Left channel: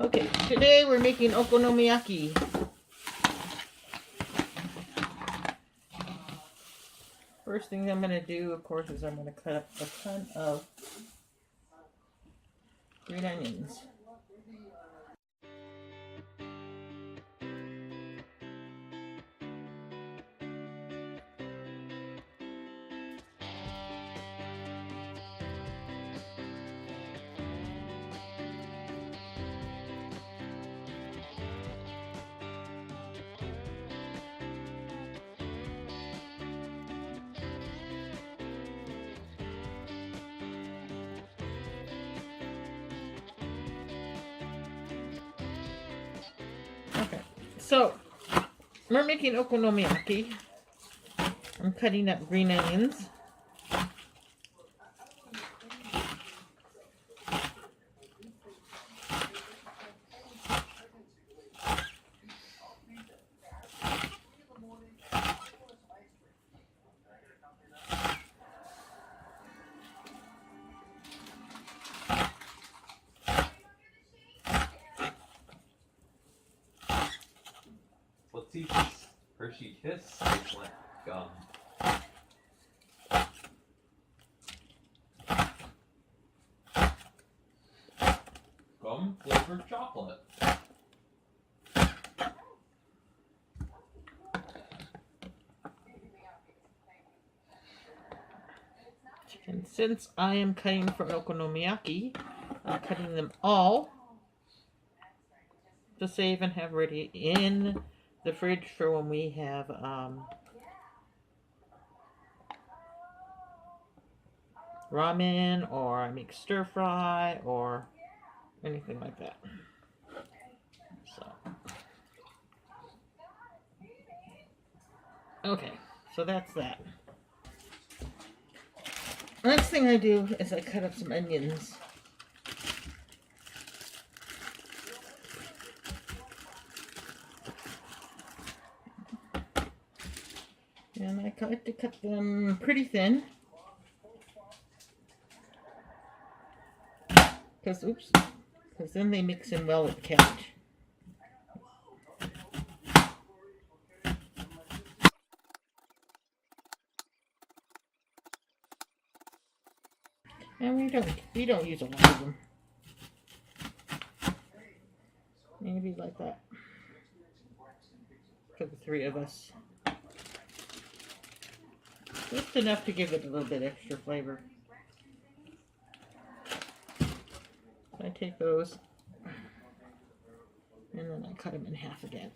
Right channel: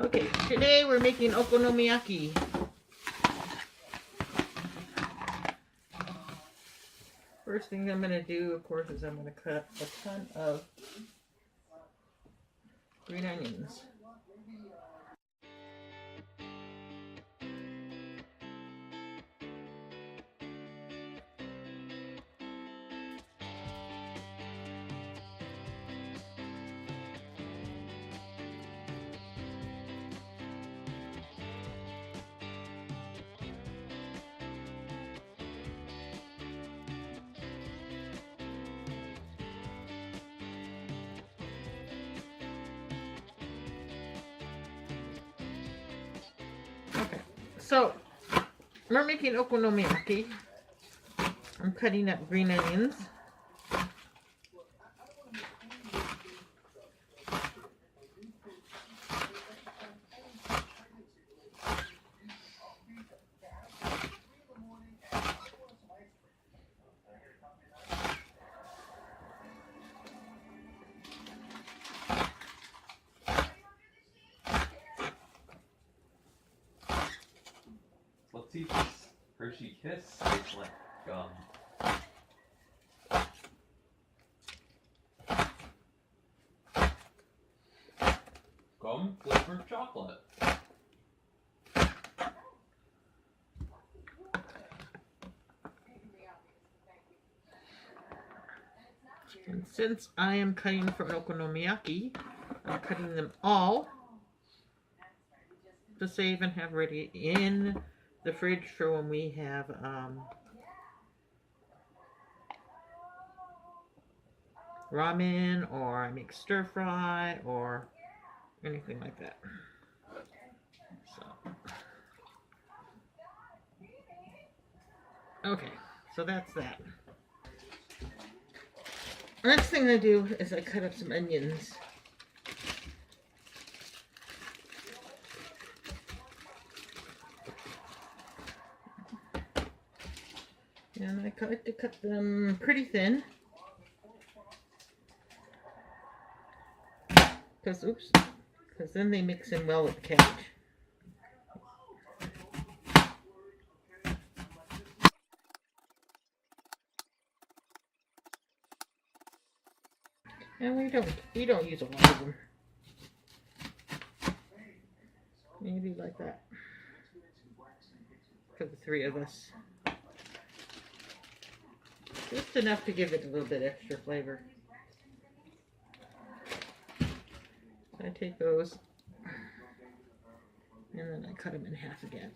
Okay, today we're making okonomiyaki. First thing I'm going to do, of course, is I'm going to cut up a ton of green onions. Okay, so we're making okonomiyaki. I'm cutting up green onions. Let's see if this Hershey Kiss tastes like gum. Gum flavored chocolate. And since I am cutting for okonomiyaki, I'm cutting them all to save and have ready in the fridge for when we have ramen, or I make stir fry, or anything like that. So, okay, so that's that. The next thing I do is I cut up some onions. And I like to cut them pretty thin. Because then they mix in well with the cabbage. And we don't use a lot of them. Maybe like that. For the three of us. Just enough to give it a little bit extra flavor. So I take those and then I cut them in half again.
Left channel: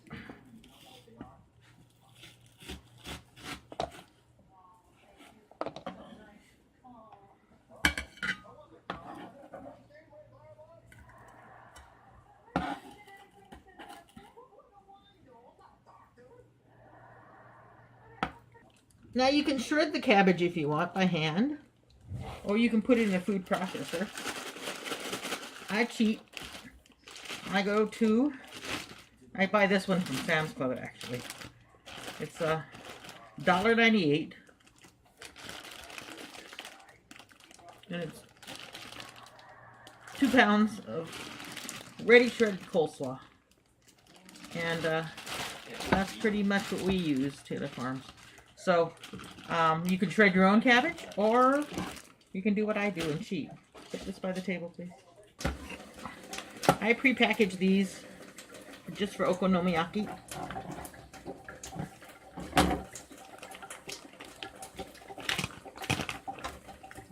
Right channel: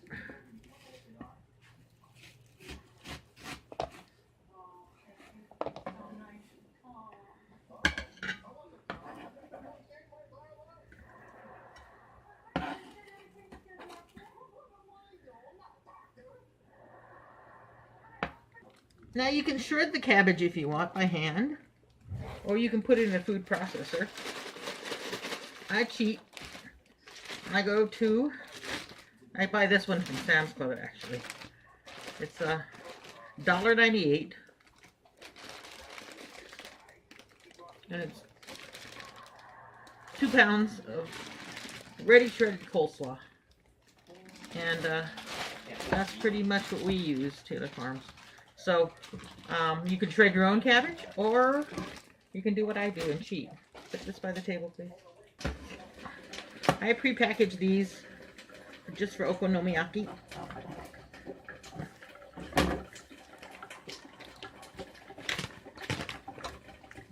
Now you can shred the cabbage if you want by hand, or you can put it in a food processor. I cheat. I buy this one from Sam's Club actually. It's $1.98. And it's 2 pounds of ready shredded coleslaw. And that's pretty much what we use, Taylor Farms. So, you can shred your own cabbage, or you can do what I do and cheat. Put this by the table, please. I pre-package these just for okonomiyaki.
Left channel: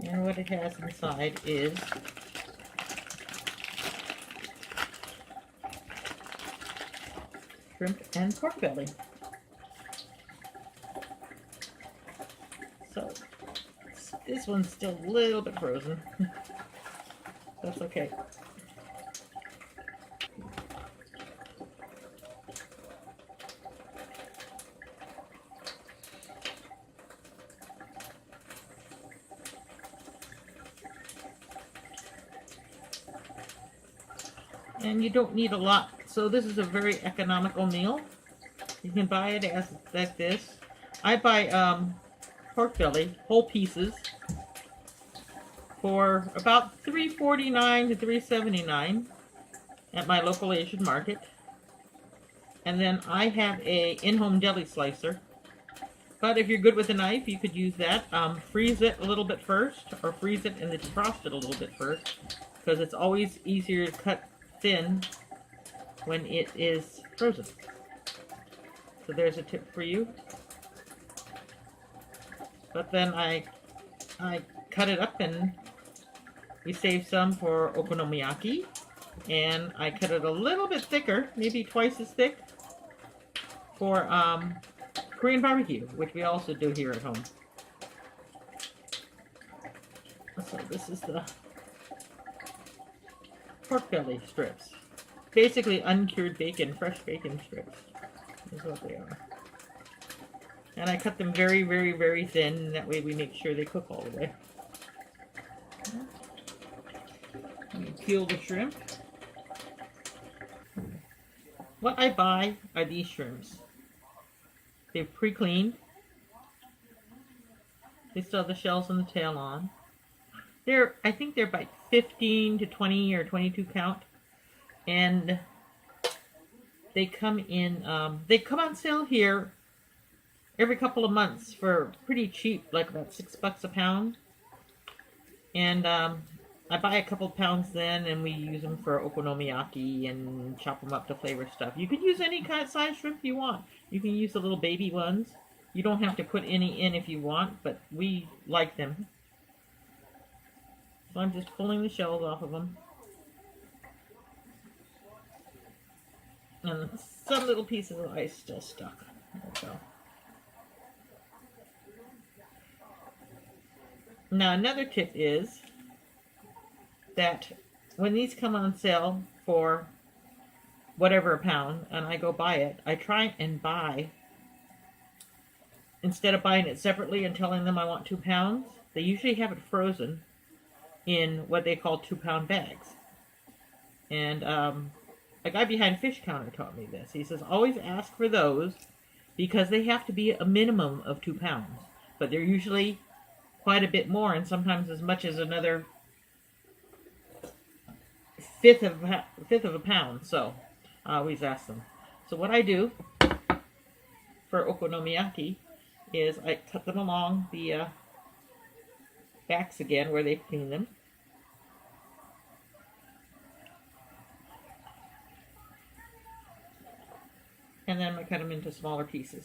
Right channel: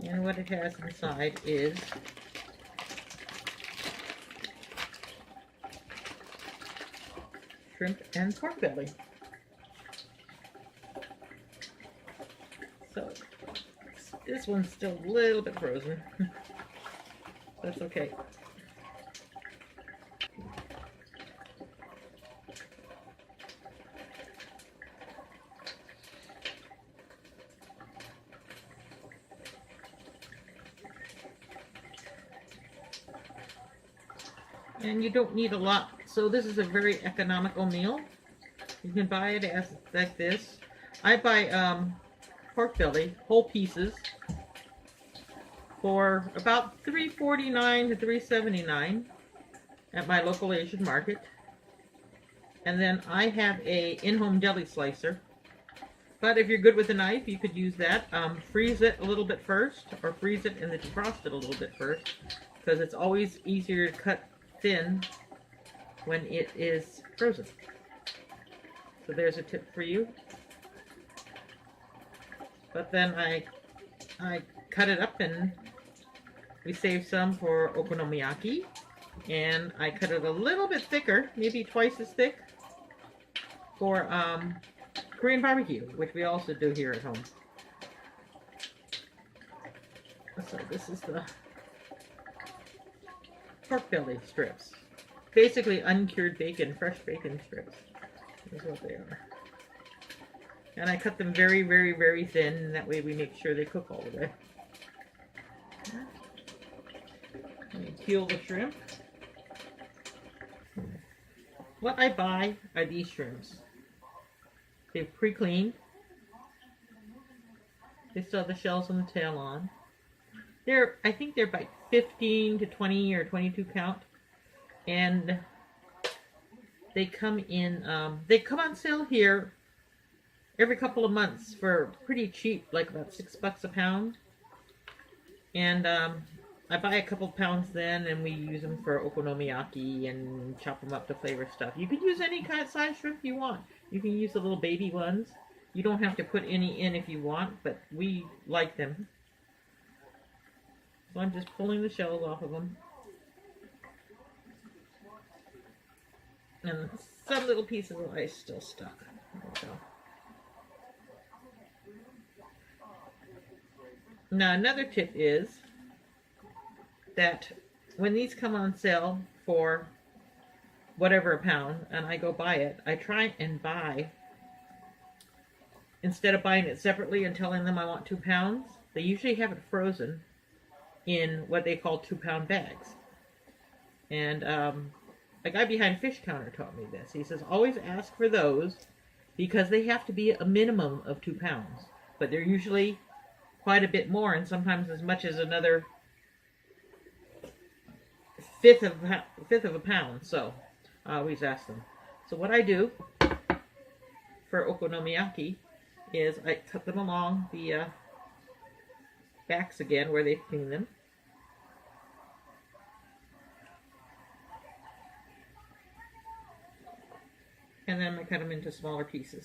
And what it has inside is shrimp and pork belly. So, this one's still a little bit frozen. That's okay. And you don't need a lot. So this is a very economical meal. You can buy it as like this. I buy pork belly, whole pieces, for about $3.49 to $3.79. at my local Asian market. And then I have a in-home deli slicer. But if you're good with a knife, you could use that. Freeze it a little bit first, or freeze it and then defrost it a little bit first, because it's always easier to cut thin when it is frozen. So there's a tip for you. But then I cut it up and we save some for okonomiyaki. And I cut it a little bit thicker, maybe twice as thick, for Korean barbecue, which we also do here at home. So this is the pork belly strips. Basically uncured bacon, fresh bacon strips is what they are. And I cut them very, very, very thin, and that way we make sure they cook all the way. Peel the shrimp. What I buy are these shrimps. They're pre-cleaned. They still have the shells and the tail on. I think they're by 15 to 20 or 22 count. And they come in, they come on sale here every couple of months for pretty cheap, like about $6 a pound. And I buy a couple pounds then, and we use them for okonomiyaki and chop them up to flavor stuff. You can use any kind of size shrimp you want. You can use the little baby ones. You don't have to put any in if you want, but we like them. So I'm just pulling the shells off of them. And some little pieces of ice still stuck. There we go. Now another tip is that when these come on sale for whatever a pound, and I go buy it, I try and buy, instead of buying it separately and telling them I want 2 pounds, they usually have it frozen in what they call 2-pound bags. And a guy behind Fish Counter taught me this. He says, always ask for those because they have to be a minimum of 2 pounds. But they're usually quite a bit more, and sometimes as much as another fifth of a pound. So I always ask them. So what I do for okonomiyaki is I cut them along the backs again where they clean them. And then I cut them into smaller pieces.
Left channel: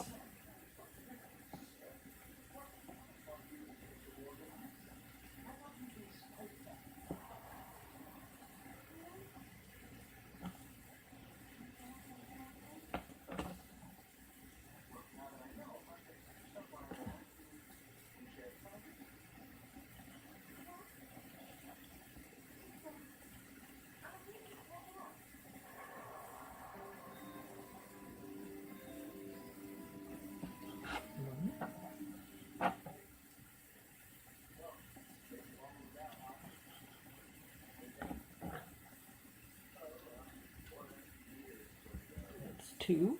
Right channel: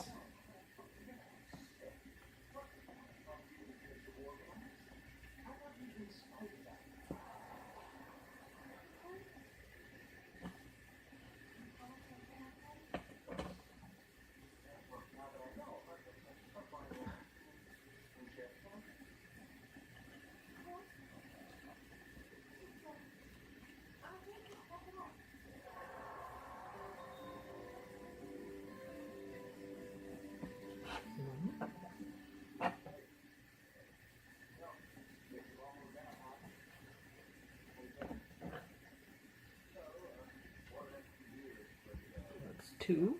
That's 2.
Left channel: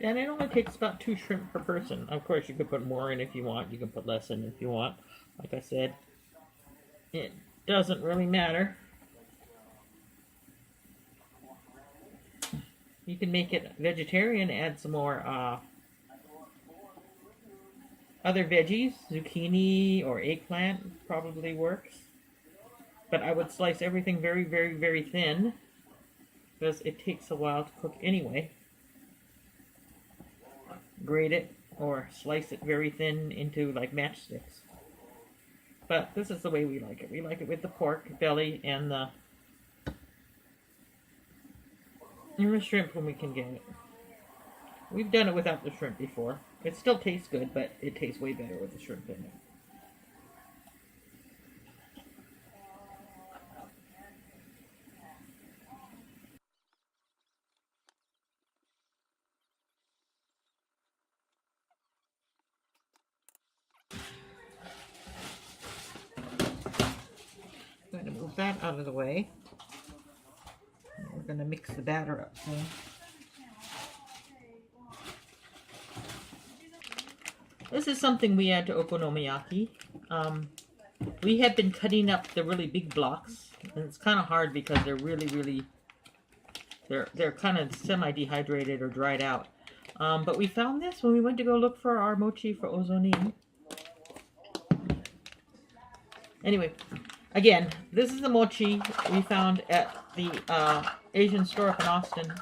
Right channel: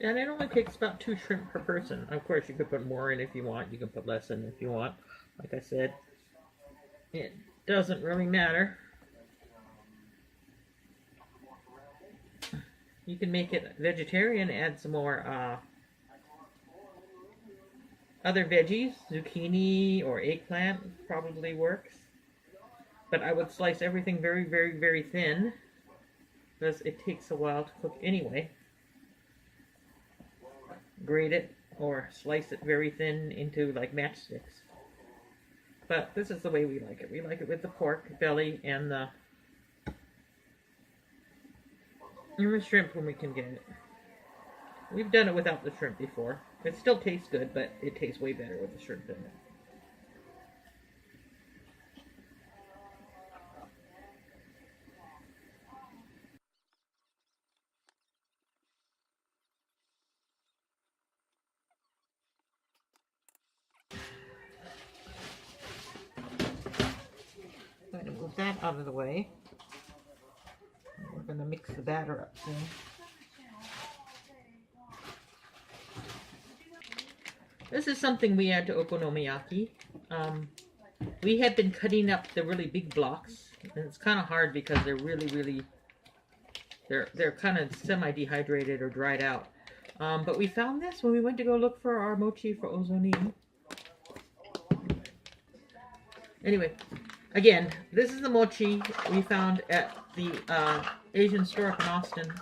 And it only takes about 2 shrimp per person. Of course, you could put more in if you want. You can put less in if you want. Like I said, it doesn't really matter. You can make it vegetarian, add some more other veggies. Zucchini or eggplant probably works. But I would slice everything very, very, very thin because it takes a while to cook anyway. Grate it or slice it very thin into like matchsticks. But this is the way we like it. We like it with the pork belly and the shrimp when we can get it. We've done it without the shrimp before. It still tastes good, but it tastes way better with the shrimp in it. I'm going to move that out of the way. We're going to mix the batter up soon. This is something we add to okonomiyaki. We have been cutting up the really big blocks And it's kind of hard because they're really, they're kind of semi-dehydrated or dried out. But we found this when we went to go look for our mochi for ozoni. Anyway, again, this is the mochi we found at the Asian store up in Austin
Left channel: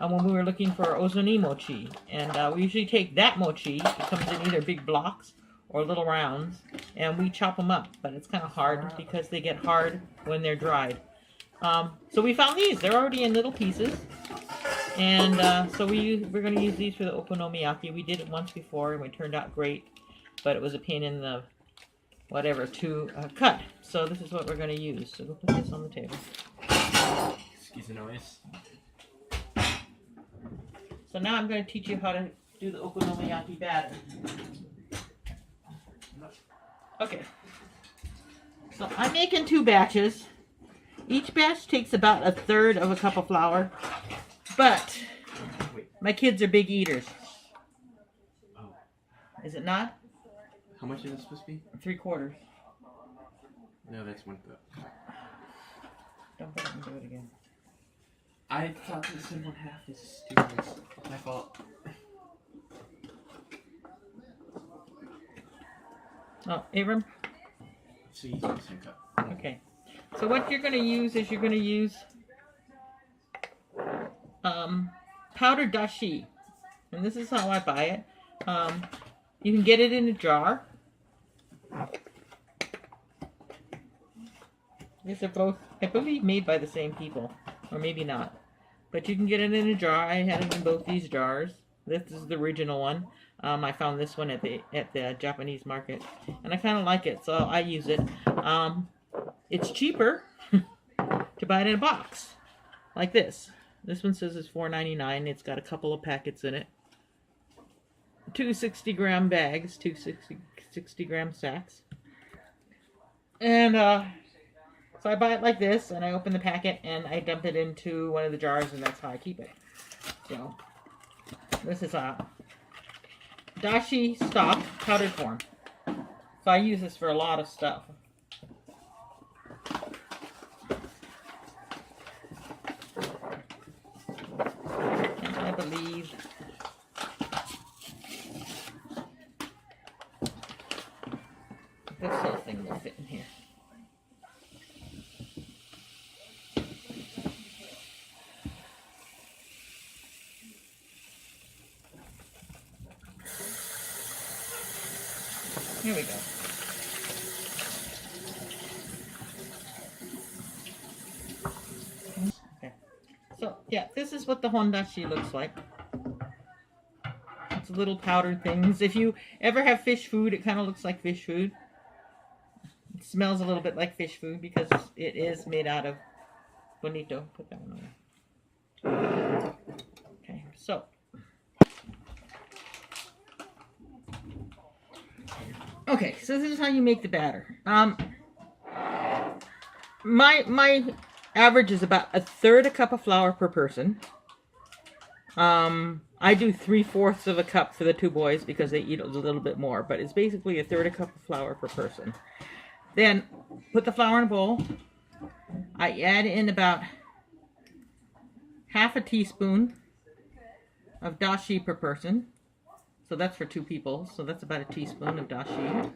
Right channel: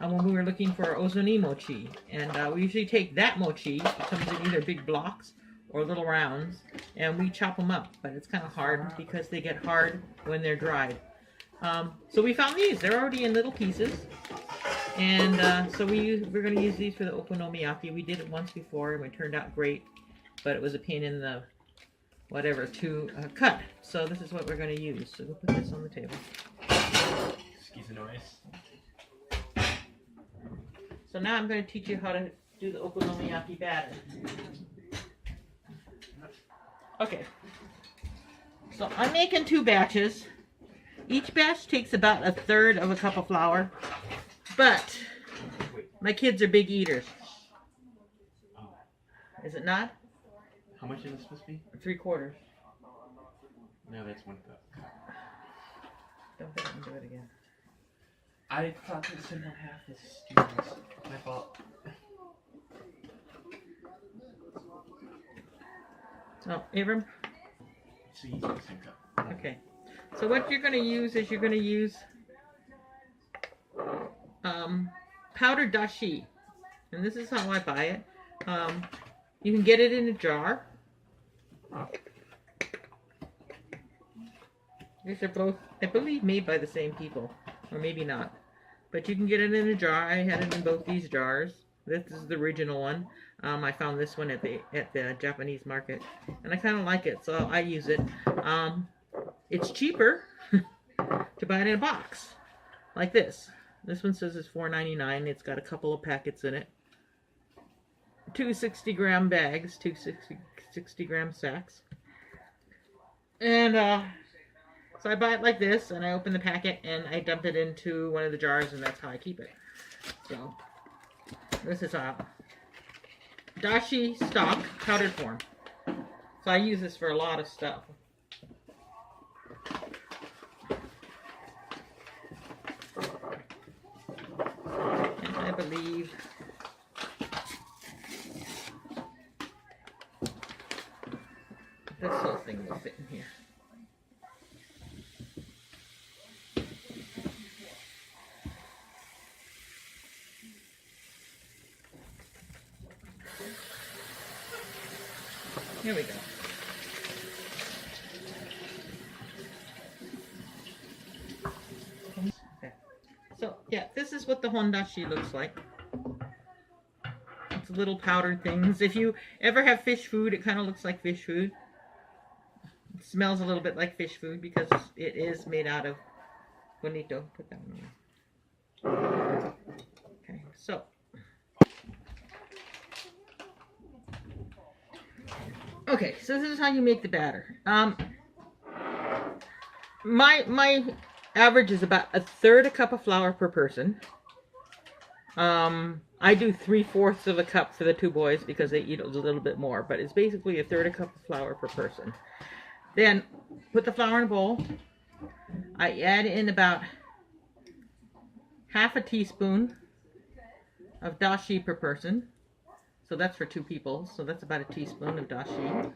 when we were looking for our ozoni mochi. And we usually take that mochi. It comes in either big blocks or little rounds, and we chop them up. But it's kind of hard because they get hard when they're dried. So we found these. They're already in little pieces. And so we're going to use these for the okonomiyaki. We did it once before, and it turned out great. But it was a pain in the whatever to cut. So this is what we're going to use. So we'll put this on the table. Excuse the noise. So now I'm going to teach you how to do the okonomiyaki batter. Okay. So I'm making 2 batches. Each batch takes about 1/3 of a cup of flour. But my kids are big eaters. Oh. Is it not? How much is it supposed to be? 3/4. No, that's 1 cup. Don't put it into it again. I thought it said 1/2. This is stupid. My fault. Oh, Abram? So you use the same cup. Okay. So what you're going to use is you're going to use powdered dashi. And this is how I buy it. You can get it in a jar. These are both, I believe, made by the same people. Or maybe not. But you can get it in a jar. I had it in both these jars. This is the original one. I found this one at the Japanese market. And I kind of like it, so I use it. It's cheaper to buy it in a box. Like this. This one says it's $4.99. It's got a couple of packets in it. 2 60-gram bags. 2 60-gram sacks. And so I buy it like this, and I open the packet, and I dump it into one of the jars, and that's how I keep it. So, this is a dashi stock powdered form. So I use this for a lot of stuff. And I believe this whole thing will fit in here. Here we go. Okay. So, yeah, this is what the hondashi looks like. It's little powdered things. If you ever have fish food, it kind of looks like fish food. It smells a little bit like fish food because it is made out of bonito. Put that one on. Okay, so. Okay, so this is how you make the batter. My average is about 1/3 a cup of flour per person. I do 3/4 of a cup for the 2 boys because they eat a little bit more, but it's basically 1/3 a cup of flour per person. Then put the flour in a bowl. I add in about 1/2 teaspoon of dashi per person. So that's for 2 people. So that's about 1 teaspoon of dashi.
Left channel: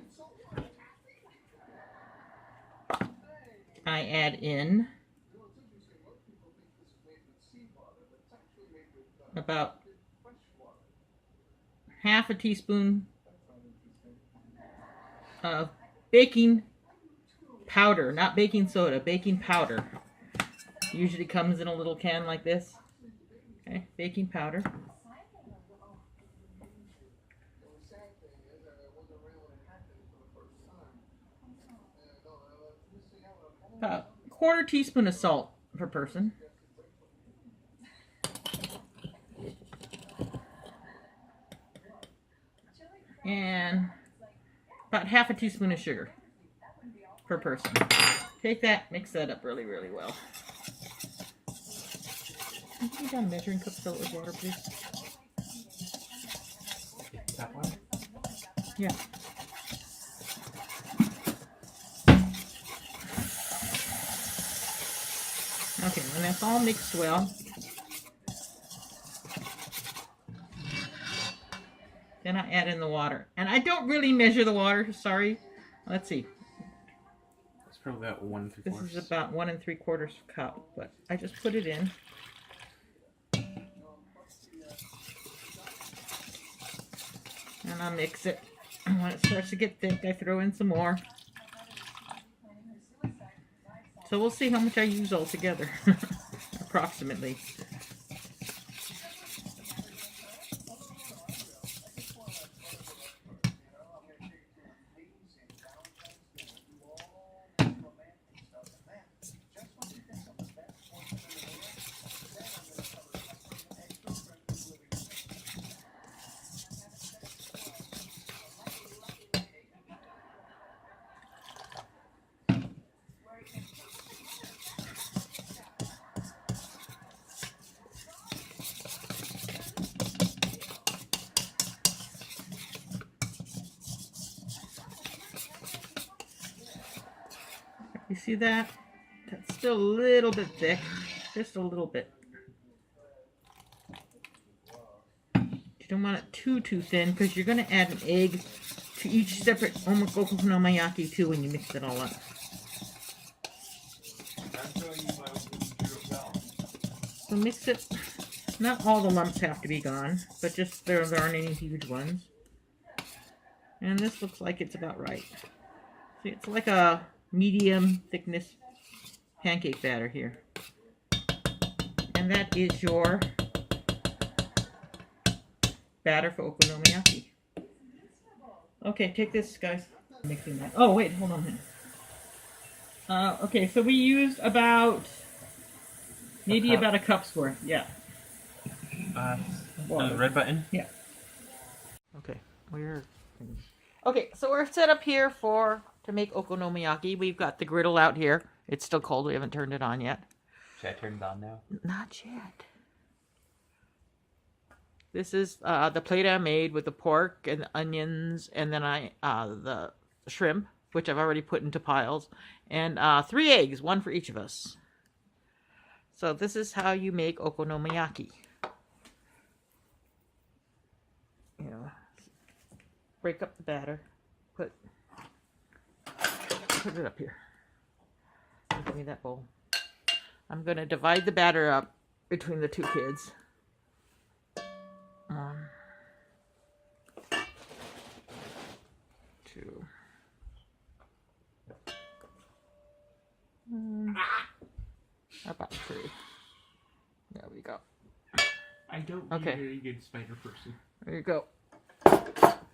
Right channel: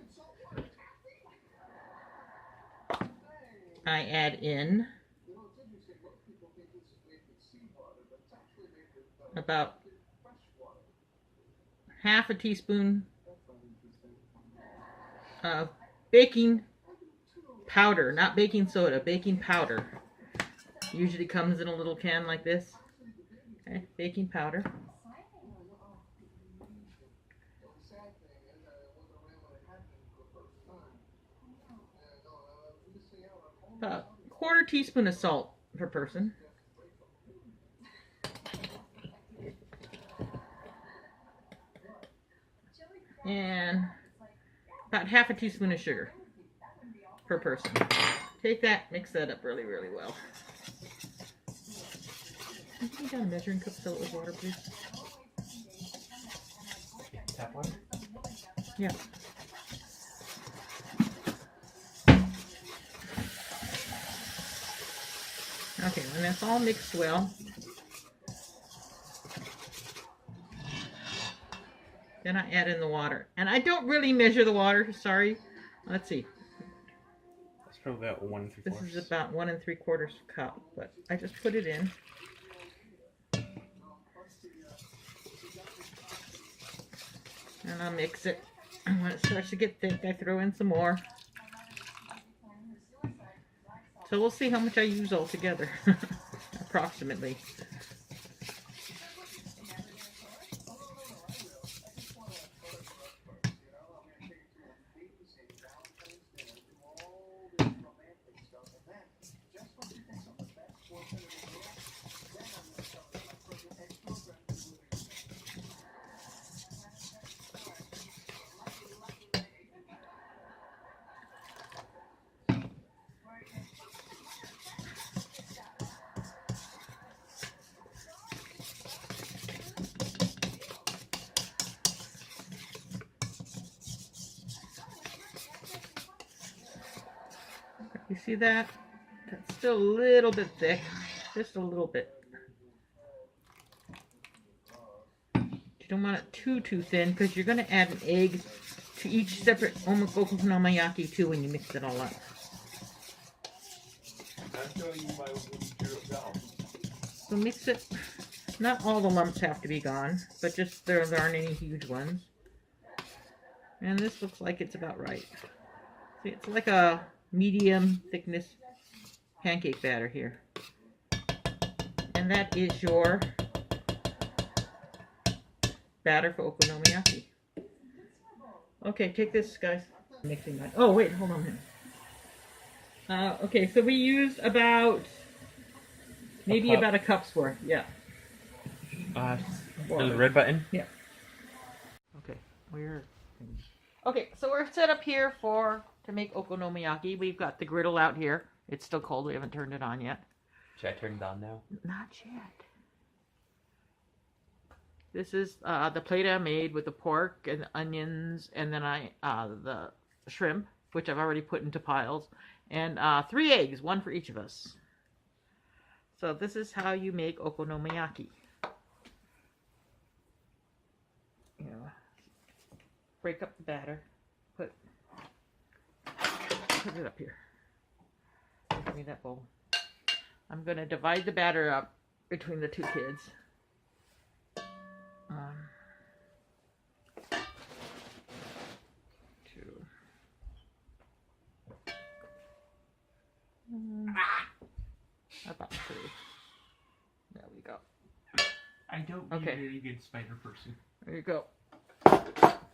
I add in about 1/2 teaspoon of baking powder, not baking soda, baking powder. Usually comes in a little can like this. Okay, baking powder. About 1/4 teaspoon of salt per person. And about 1/2 teaspoon of sugar per person. Take that, mix that up really, really well. Can you get a measuring cup, fill it with water, please? Tap water? Yeah. Okay, when that's all mixed well, then I add in the water. And I don't really measure the water, sorry. Let's see. It's probably about 1 3/4. This is about 1 3/4 cup, but I just put it in. And I'll mix it. When it starts to get thick, I throw in some more. So we'll see how much I use altogether, approximately. You see that? That's still a little bit thick. Just a little bit. You don't want it too thin because you're going to add an egg to each separate okonomiyaki too when you mix it all up. I'm showing you my do it well. So mix it. Not all the lumps have to be gone, but just there aren't any huge ones. And this looks like it's about right. See, it's like a medium thickness pancake batter here. And that is your batter for okonomiyaki. Okay, take this, guys. Mixing that. Oh, wait, hold on a minute. Okay, so we used about maybe about a cup's worth. Yeah. The red button? Yeah. Okay, Okay, so we're set up here to make okonomiyaki. We've got the griddle out here. It's still cold. We haven't turned it on yet. Should I turn it on now? Not yet. This is the plate I made with the pork and the onions, and then the shrimp, which I've already put into piles, and 3 eggs, 1 for each of us. So this is how you make okonomiyaki. Break up the batter. Put it up here. Give me that bowl. I'm going to divide the batter up between the 2 kids. 1, 2. About 3. There we go. I don't be a very good spider person. There you go.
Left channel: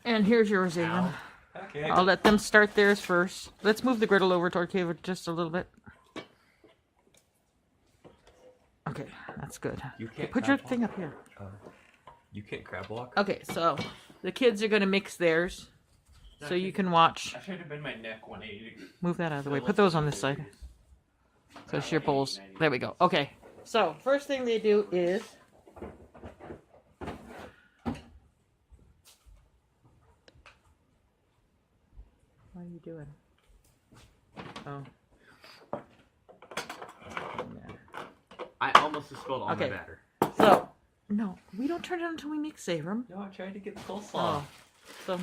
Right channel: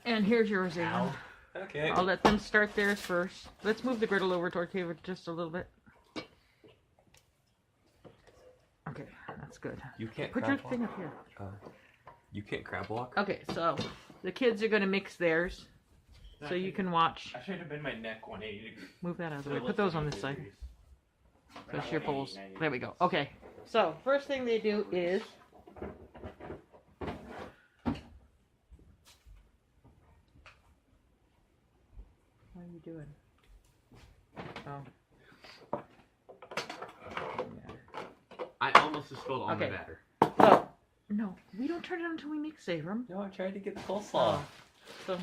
And here's yours, Aiden. Okay. I'll let them start theirs first. Let's move the griddle over toward Taylor just a little bit. Okay, that's good. You can't Put your thing up here. You can't crab walk? Okay, so the kids are going to mix theirs so you can watch. I should have been my neck 180 degrees. Move that out of the way. Put those on this side. So it's your bowls. There we go. Okay, so first thing they do is what are you doing? Oh. Yeah. I almost spilled all my batter. So, no, we don't turn it on until we mix Abram. No, I tried to get the coleslaw. Oh. So,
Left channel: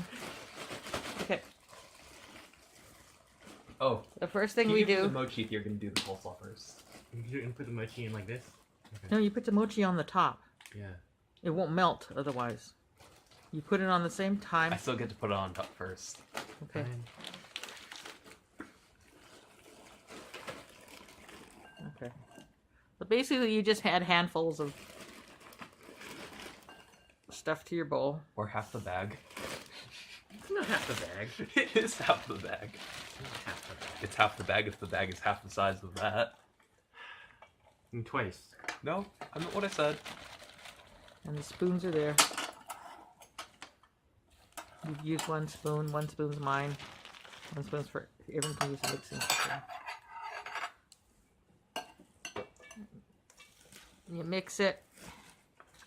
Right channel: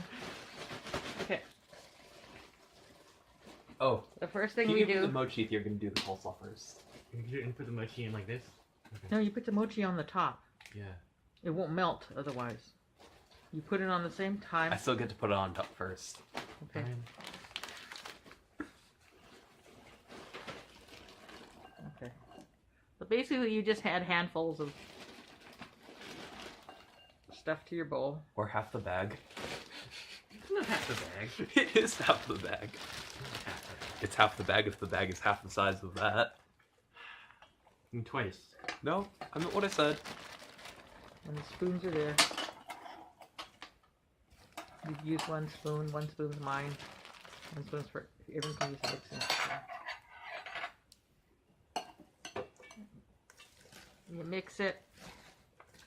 okay. Oh. The first thing you we give do. the mochi if you're going to do the coleslaw first. You put the mochi in like this? Okay. No, you put the mochi on the top. Yeah. It won't melt otherwise. You put it on the same time. I still get to put it on top first. Okay. Okay. So basically you just add handfuls of stuff to your bowl. Or half the bag. It's not half the bag. It is half the bag. It's half the bag if the bag is half the size of that. And twice. No, I'm not what I said. And the spoons are there. You've used 1 spoon. 1 spoon's mine. 1 spoon's for everyone can use mixing. You mix it.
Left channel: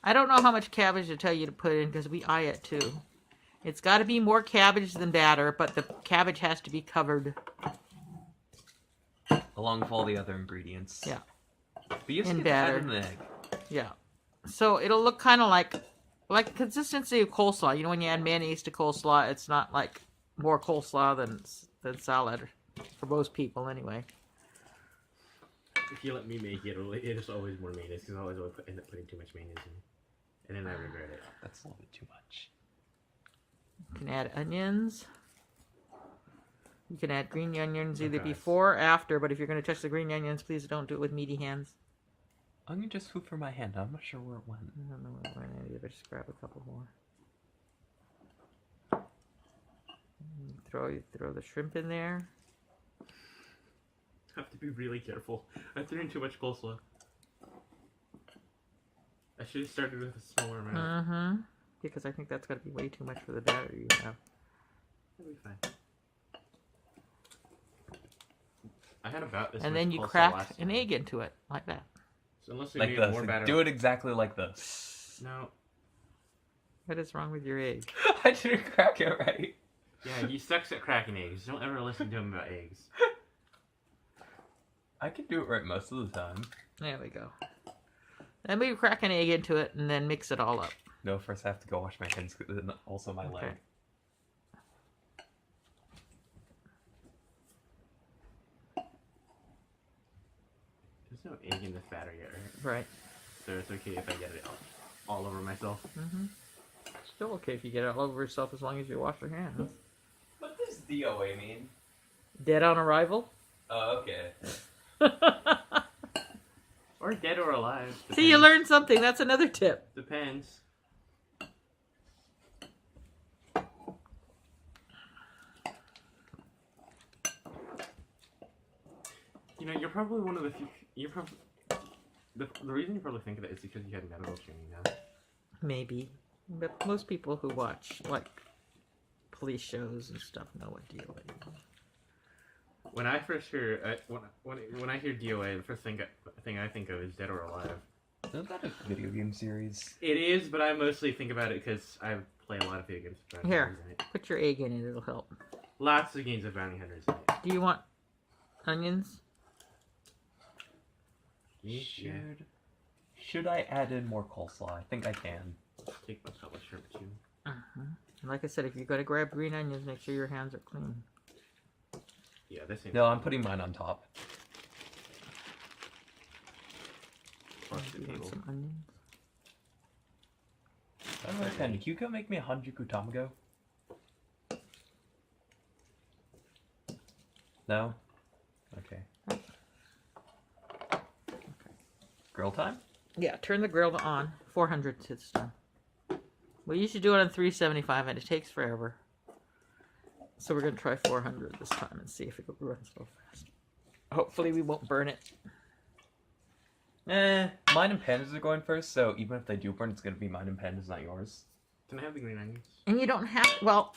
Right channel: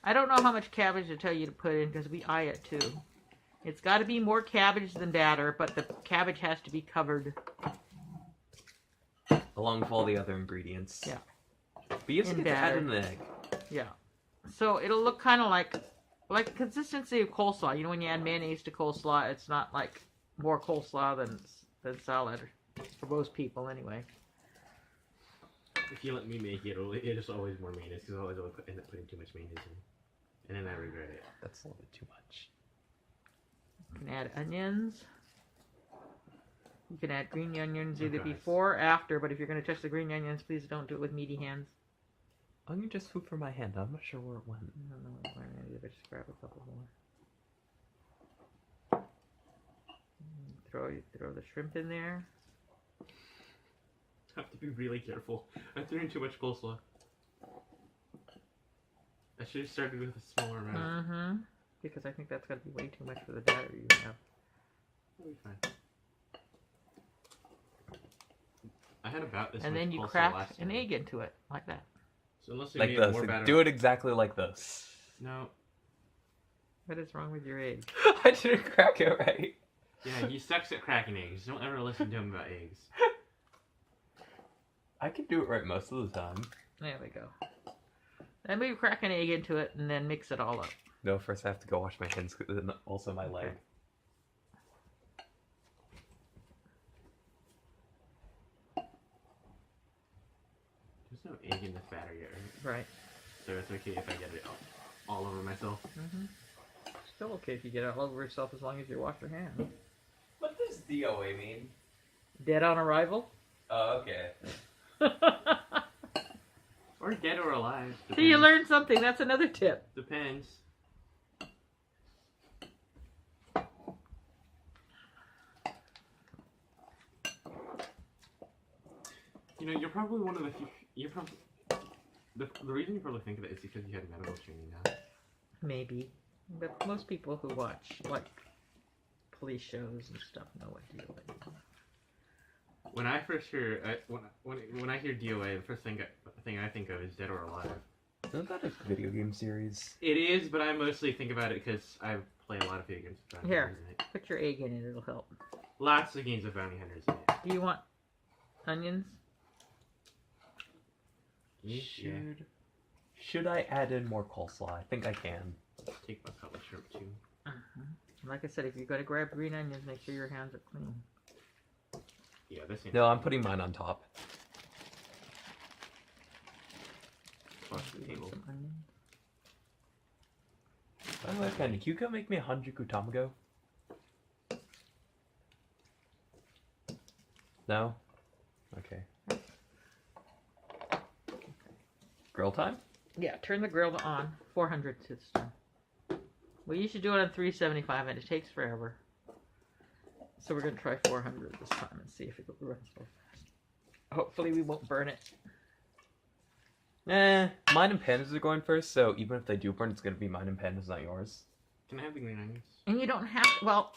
I don't know how much cabbage to tell you to put in because we eye it too. It's got to be more cabbage than batter, but the cabbage has to be covered. Along with all the other ingredients. Yeah. But you in have to add batter. an egg. Yeah. So it'll look kind of like consistency of coleslaw. You know, when you add mayonnaise to coleslaw, it's not like more coleslaw than salad for most people anyway. If you let me make it, it's always more mayonnaise because I always end up putting too much mayonnaise in, and then I regret it. That's a little bit too much. You can add onions. You can add green onions Oh, either guys. before or after, but if you're going to touch the green onions, please don't do it with meaty hands. I'm gonna just swoop for my hand. I'm not sure where it went. I don't know what went in either. Just grab a couple more. Throw the shrimp in there. I have to be really careful. I threw in too much coleslaw. I should have started with a smaller amount. Mm-hmm. Because I think that's going to be way too much for the batter you have. It'll be fine. I had about this And much then you coleslaw crack last an time. egg into it, like that. So unless we Like need this. more batter. Do it exactly like this. No. What is wrong with your egg? I didn't crack it right. Yeah, he sucks at cracking eggs. Don't ever listen to him about eggs. I can do it right most of the time. There we go. Then we crack an egg into it and then mix it all up. No, first I have to go wash my hands and also my leg. Okay. There's no egg in this batter yet, right? Right. So it's okay if I get it all over myself. Mm-hmm. Still okay if you get it all over yourself as long as you wash your hands. What does DOA mean? Dead on arrival? Oh, okay. Or dead or alive. See, you learned something. That's another tip. Depends. You know, you're probably one of the few. You're probably the reason you probably think of it is because you had medical training now. Maybe. But most people who watch, like, police shows and stuff know what DOA is. When I first hear when I hear DOA, the first thing I think of is Dead or Alive. Isn't that a video game series? It is, but I mostly think about it because I play a lot of video games with bounty Here. hunters in it. Put your egg in it. It'll help. Lots of games with bounty hunters in it. Do you want onions? Yeah. Should I add in more coleslaw? I think I can. Take a couple of shrimp too. Like I said, if you're going to grab green onions, make sure your hands are clean. Yeah, this ain't. No, I'm putting mine on top. Across the table. Some onions. Oh, can Hugo make me a Hanjuku Tamago? No? Okay. Grill time? Yeah, turn the grill on. 400 to the stone. We usually do it on 375 and it takes forever. So we're going to try 400 this time and see if it runs so fast. Hopefully we won't burn it. Mine and Panda's are going first, so even if they do burn, it's going to be mine and Panda's, not yours. Can I have the green onions? And you don't have, well,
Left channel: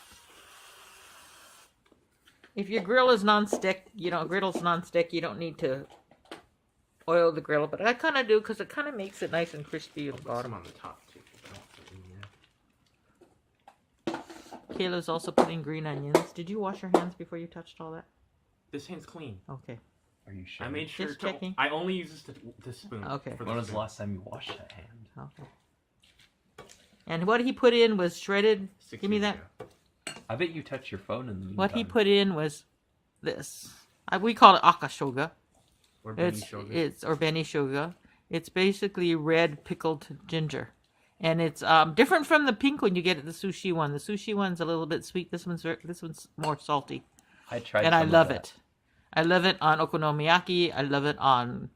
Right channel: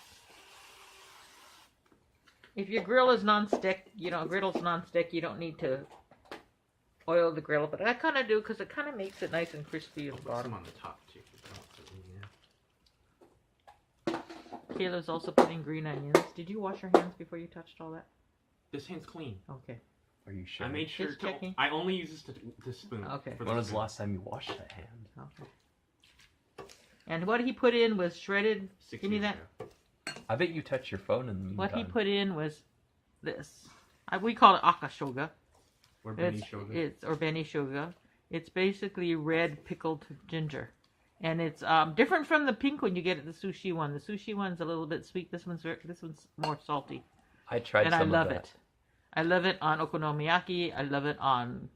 if your grill is non-stick, griddle's non-stick, you don't need to oil the grill. But I kind of do because it kind of makes it nice and crispy at the Put some bottom. on the top too. I don't put it in there. Kayla's also putting green onions. Did you wash your hands before you touched all that? This hand's clean. Okay. Are you sure? I made sure. Just checking. I only use this to spoon. Okay. for When was the spoon. last time you washed that hand? Okay. And what he put in was shredded. 6 Give me years that. ago. I bet you touched your phone in the meantime. What he put in was this. We call it akashoga. Or Benny Shogun. Or benishoga. It's basically red pickled ginger. And it's different from the pink one you get at the sushi one. The sushi one's a little bit sweet. This one's more salty. I tried And I some of love that. it. I love it on okonomiyaki. I love it on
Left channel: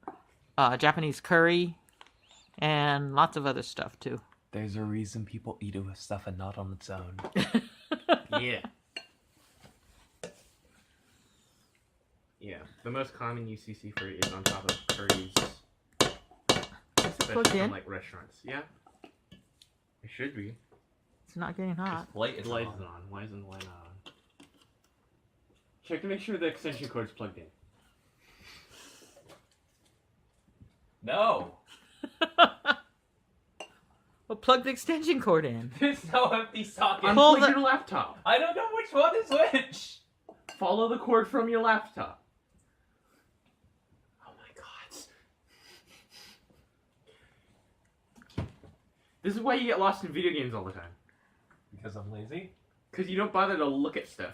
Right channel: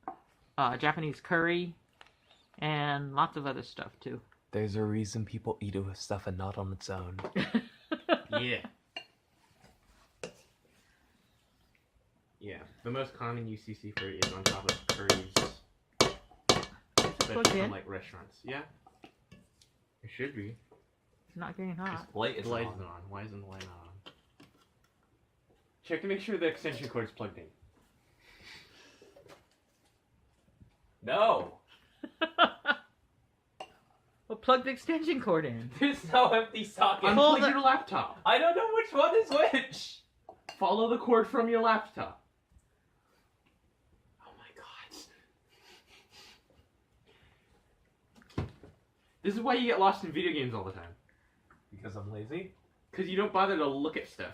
Japanese curry. And lots of other stuff too. There's a reason people eat it with stuff and not on its own. Yeah. Yeah. The most common use seafood is on top of curries. plugged Especially in? from like restaurants. Yeah. It should be. It's not getting hot. Light The light is on. Why isn't the light on? Check to make sure the extension cord's plugged in. No! Well, plug the extension cord in. There's no empty socket. Pull Unplug the- your laptop. I don't know which one is which! Follow the cord from your laptop. Oh my god. This is why you get lost in video games all the time. Because I'm lazy? Because you don't bother to look at stuff.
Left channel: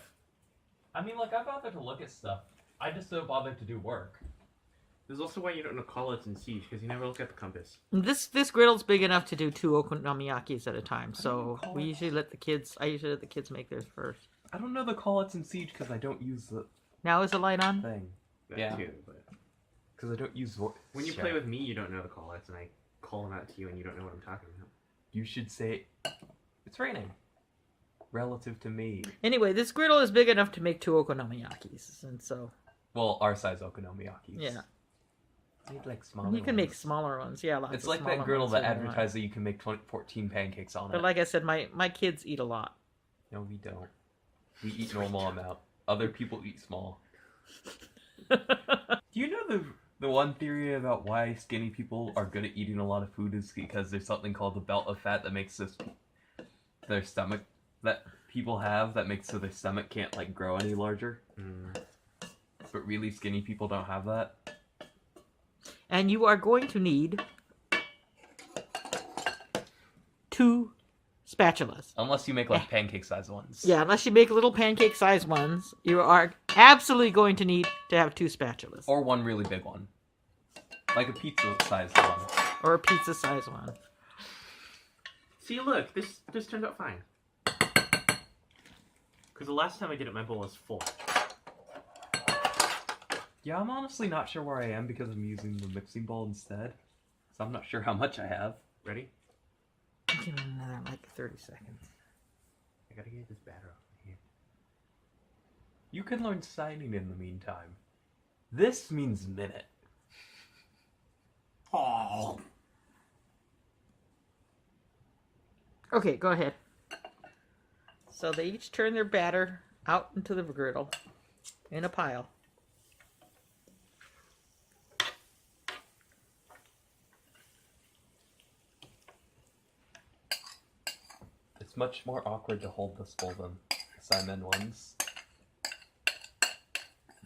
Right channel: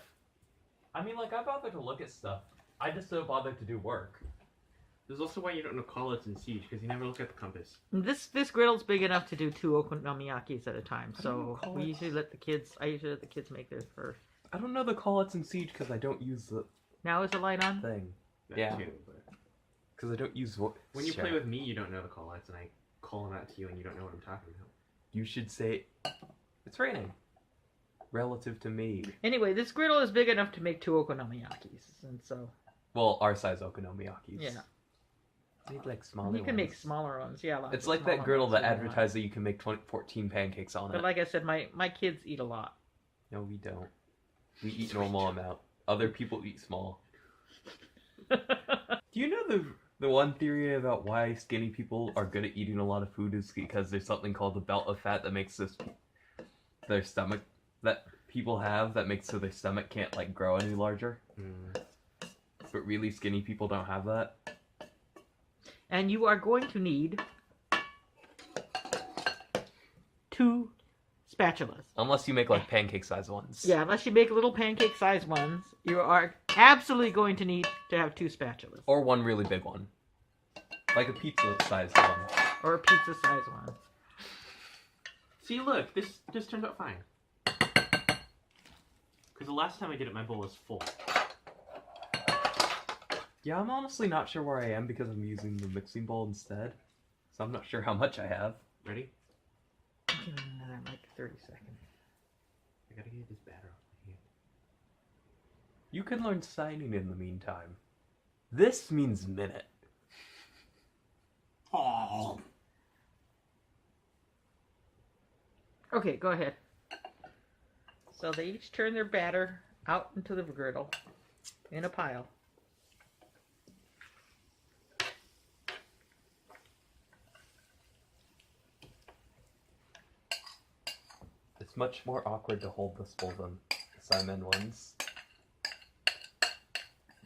I mean, like, I bother to look at stuff. I just don't bother to do work. This is also why you don't know call-outs in Siege, because you never look at the compass. This griddle's big enough to do 2 okonomiyakis at a time, so I usually let the kids make theirs first. I don't know the call-outs in Siege because I don't use the Now is the light on? thing. That Yeah. too, but Because I don't use what. when you play with me, you don't know the call-outs, and I call them out to you, and you don't know what I'm talking about. You should say, it's raining. Relative to me. Anyway, this griddle is big enough to make 2 okonomiyakis, and so Well, our size okonomiyakis. yeah. Make like smaller You can ones. make smaller ones, yeah. Lots It's of like smaller that griddle ones that if you want. advertised that you can make 14 pancakes on But it. like I said, my kids eat a lot. No, we don't. We eat normal amount. Other people eat small. Oh, Do you know the one theory about why skinny people are good at eating a lot of food is because there's something called the belt of fat that makes their stomach that people have that makes so their stomach can't like grow any larger. But really skinny people don't have that. And you are going to need 2 spatulas. Unless you make like pancake size ones. Yeah, unless you make little pancake size ones, you are absolutely going to need to have 2 spatulas. Or one really big one. Like a pizza sized one. Or a pizza size one. See, look, this turned out fine. Because the last time I did it, my bowl was full. Yeah, I'm honestly not sure where I am because I'm using the mixing bowl instead. So I'm not sure how much I have. Ready? Give it another like 30 seconds. I gotta get this batter off my hand. You can learn signing in the meantime. This means minute. Oh. Okay, go ahead. So they each turn their batter out into the griddle in a pile. It's much more awkward to hold this bowl than the Simon ones.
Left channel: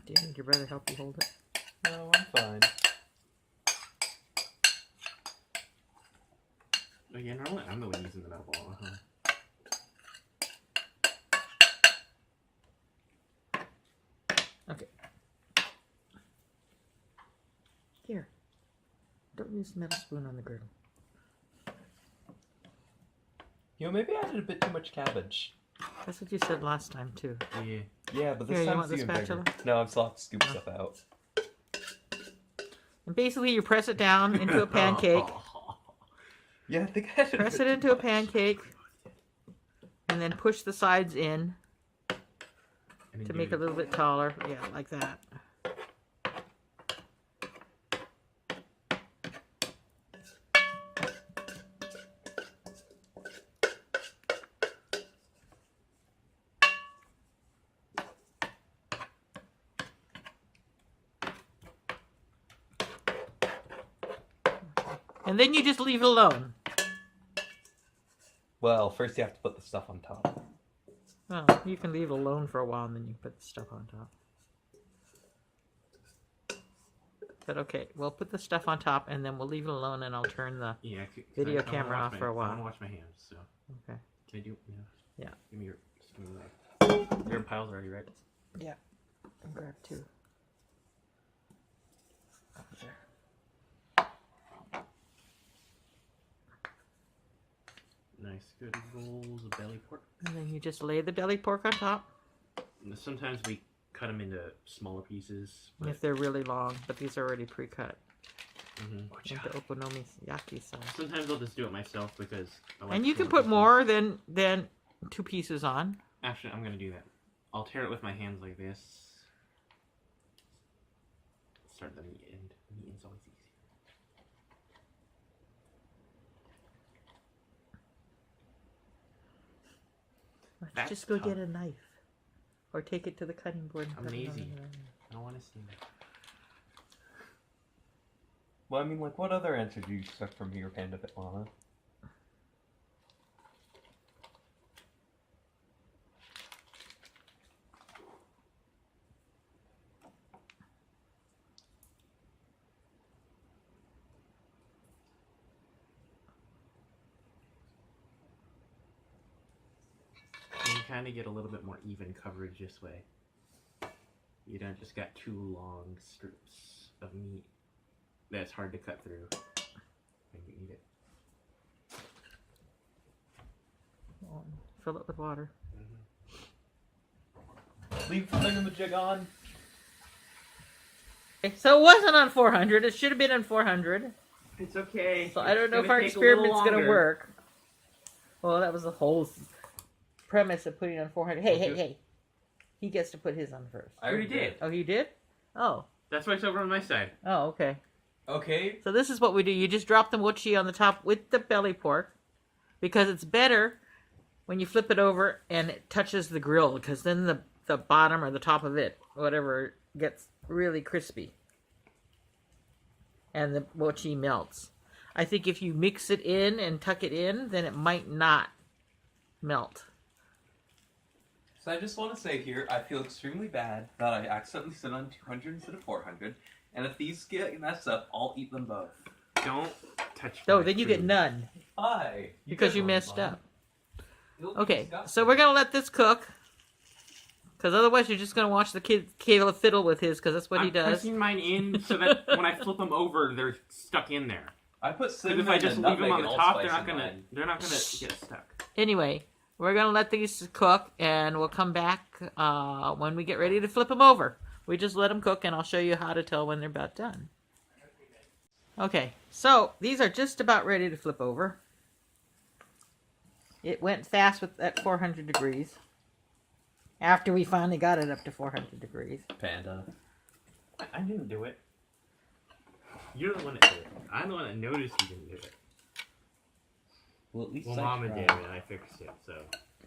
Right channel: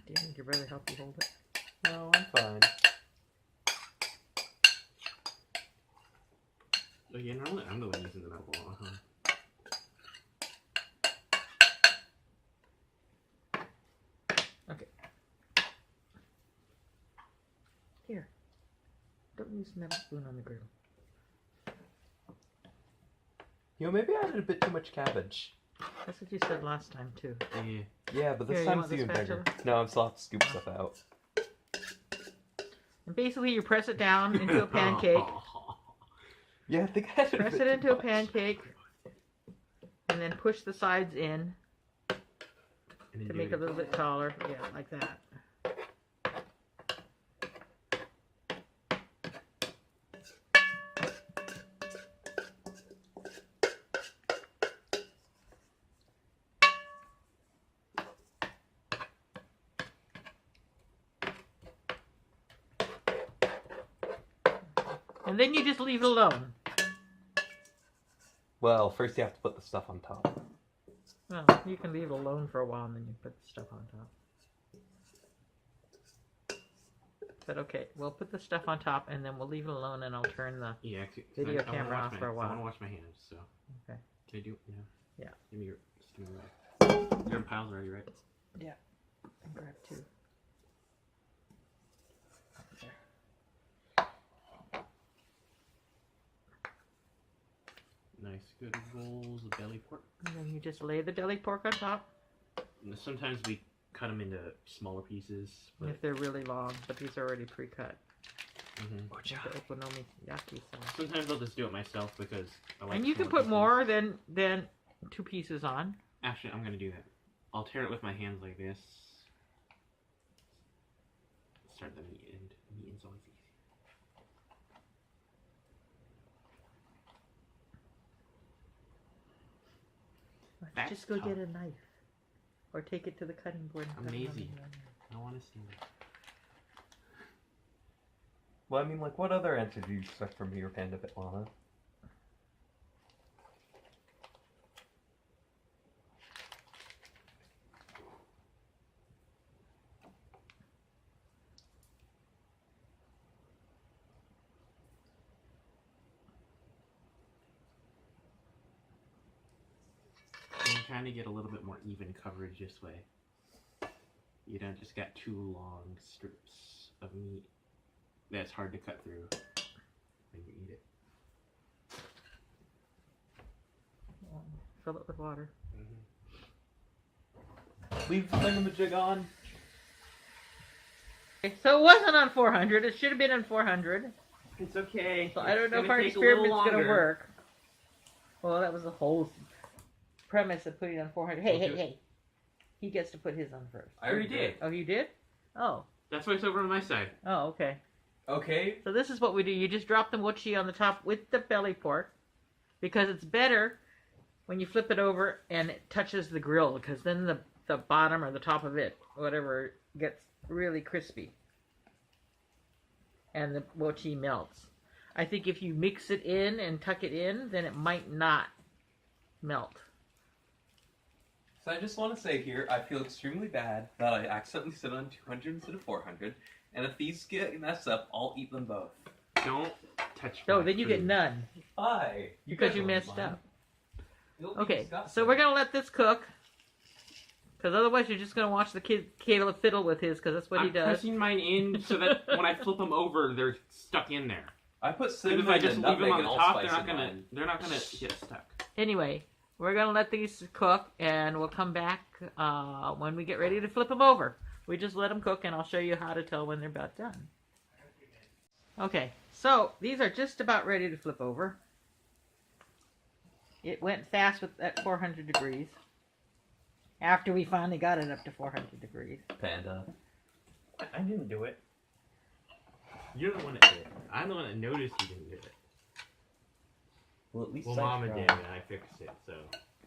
Do you think your brother help you hold it? No, I'm fine. Oh yeah, normally I'm the one using the metal ball, huh? Okay. Here. Don't use the metal spoon on the griddle. You know, maybe I added a bit too much cabbage. That's what you said last time too. Oh yeah. Yeah, but this Here, you time want it's the even bigger. spatula? No, I still have to scoop stuff out. And basically you press it down into a pancake. Yeah, I think I added Press bit it too into a much. pancake. And then push the sides in And then to do make it it. a little bit taller. Yeah, like that. And then you just leave it alone. Well, first you have to put the stuff on top. Well, you can leave it alone for a while and then you put the stuff on top. But okay, we'll put the stuff on top and then we'll leave it alone and I'll turn the... Yeah, Video I wanna camera watch off my- for a I while. want to wash my hands, so. Okay. Can I do? Yeah. Yeah. Give me your. Just give me that. You're in piles already, right? Yeah. And grab 2. There. Nice, good rolls of belly pork. And then you just lay the deli pork on top Sometimes we cut them into smaller pieces. But, if they're really long, but these are already pre-cut. Mhm. Into okonomiyaki style. Sometimes I'll just do it myself because I like. And you can smaller put pieces. more than 2 pieces on. Actually, I'm gonna do that. I'll tear it with my hands like this. Start the meat end. The meat end's always easy. Let's That's just go tough. get a knife. Or take it to the cutting board. And I'm cut it on lazy. the other. I don't want to see that. Well, I mean, like, what other answer do you expect from me or Panda Pitlana? trying to get a little bit more even coverage this way. You don't just got 2 long strips of meat that's hard to cut through when you eat it. Fill it with water. Leave the thingamajig on. Okay, so it wasn't on 400. It should have been on 400. It's okay. So I don't know if our experiment's going to work. Well, that was the whole premise of putting it on 400. Hey. He gets to put his on first. I already did. Oh, you did? Oh. That's why it's over on my side. Oh, okay. Okay. So this is what we do. You just drop the mochi on the top with the belly pork because it's better when you flip it over and it touches the grill because then the bottom or the top of it, whatever, gets really crispy. And the mochi melts. I think if you mix it in and tuck it in, then it might not melt. So I just want to say here, I feel extremely bad that I accidentally set on 200 instead of 400. And if these get messed up, I'll eat them both. Don't touch No, my then you food. get none. Why? Because you messed up. Okay, so we're going to let this cook. Because otherwise you're just going to watch the kid Caleb fiddle with his, because that's what he does. I'm pressing mine in so that when I flip them over, they're stuck in there. I put If cinnamon I just and leave them nutmeg on and the top, allspice they're in not gonna mine. get stuck. Anyway, we're going to let these cook, and we'll come back when we get ready to flip them over. We just let them cook, and I'll show you how to tell when they're about done. Okay, so these are just about ready to flip over. It went fast at 400 degrees. After we finally got it up to 400 degrees. Panda. I didn't do it. You're the one that did it. I'm the one that noticed you didn't do it. Well, at least Well, I Mama tried. did, and I fixed it, so.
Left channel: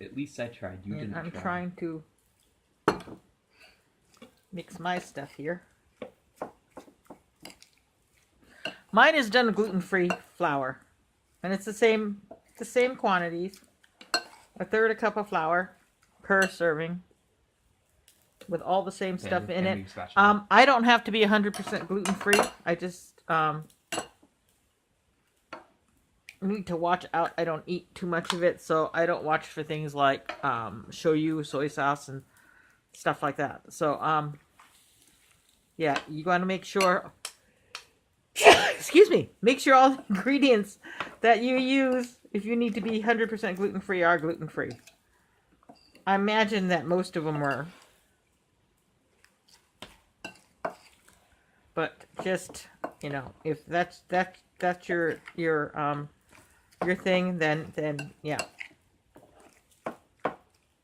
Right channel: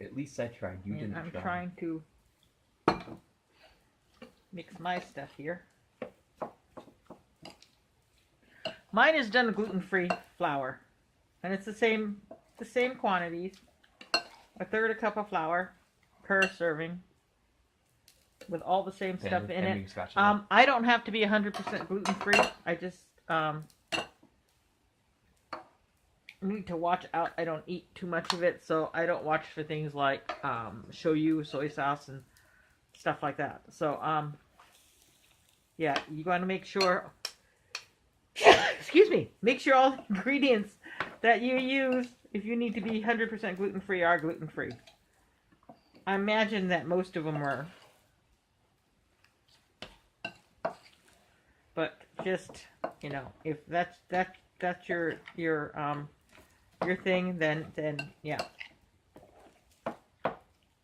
At least I tried. You And didn't I'm try. trying to mix my stuff here. Mine is done gluten-free flour, and it's the same quantities. A third a cup of flour per serving, with all the same stuff in it. I don't have to be 100% gluten-free. I just need to watch out. I don't eat too much of it, so I don't watch for things like shoyu, soy sauce, and stuff like that. So, yeah, you got to make sure. Excuse me. Make sure all the ingredients that you use, if you need to be 100% gluten-free, are gluten-free. I imagine that most of them were. But just, you know, if that's your thing, then yeah.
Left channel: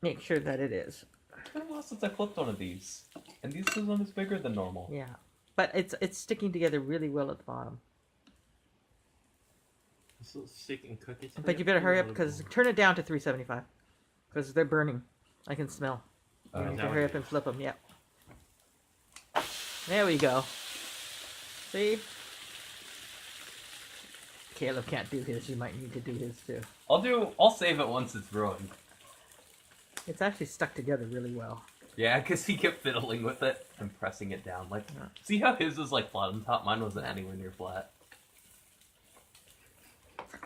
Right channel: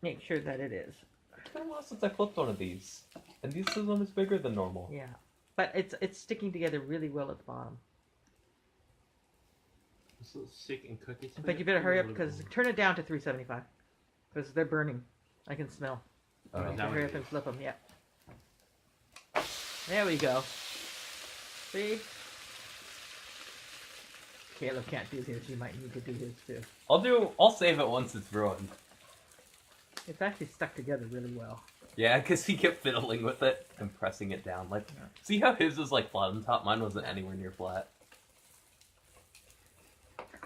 Make sure that it is. It's been a while since I flipped one of these. And this one is bigger than normal. Yeah. But it's sticking together really well at the bottom. It's a little sick and cookie. But you better hurry up because turn it down to 375 because they're burning. I can smell. You need to hurry up and flip them. Yep. There we go. See? Caleb can't do his. You might need to do his too. I'll save it once it's ruined. It's actually stuck together really well. Yeah, because he kept fiddling with it and pressing it down. Like, see how his was like flat on top? Mine wasn't anywhere near flat.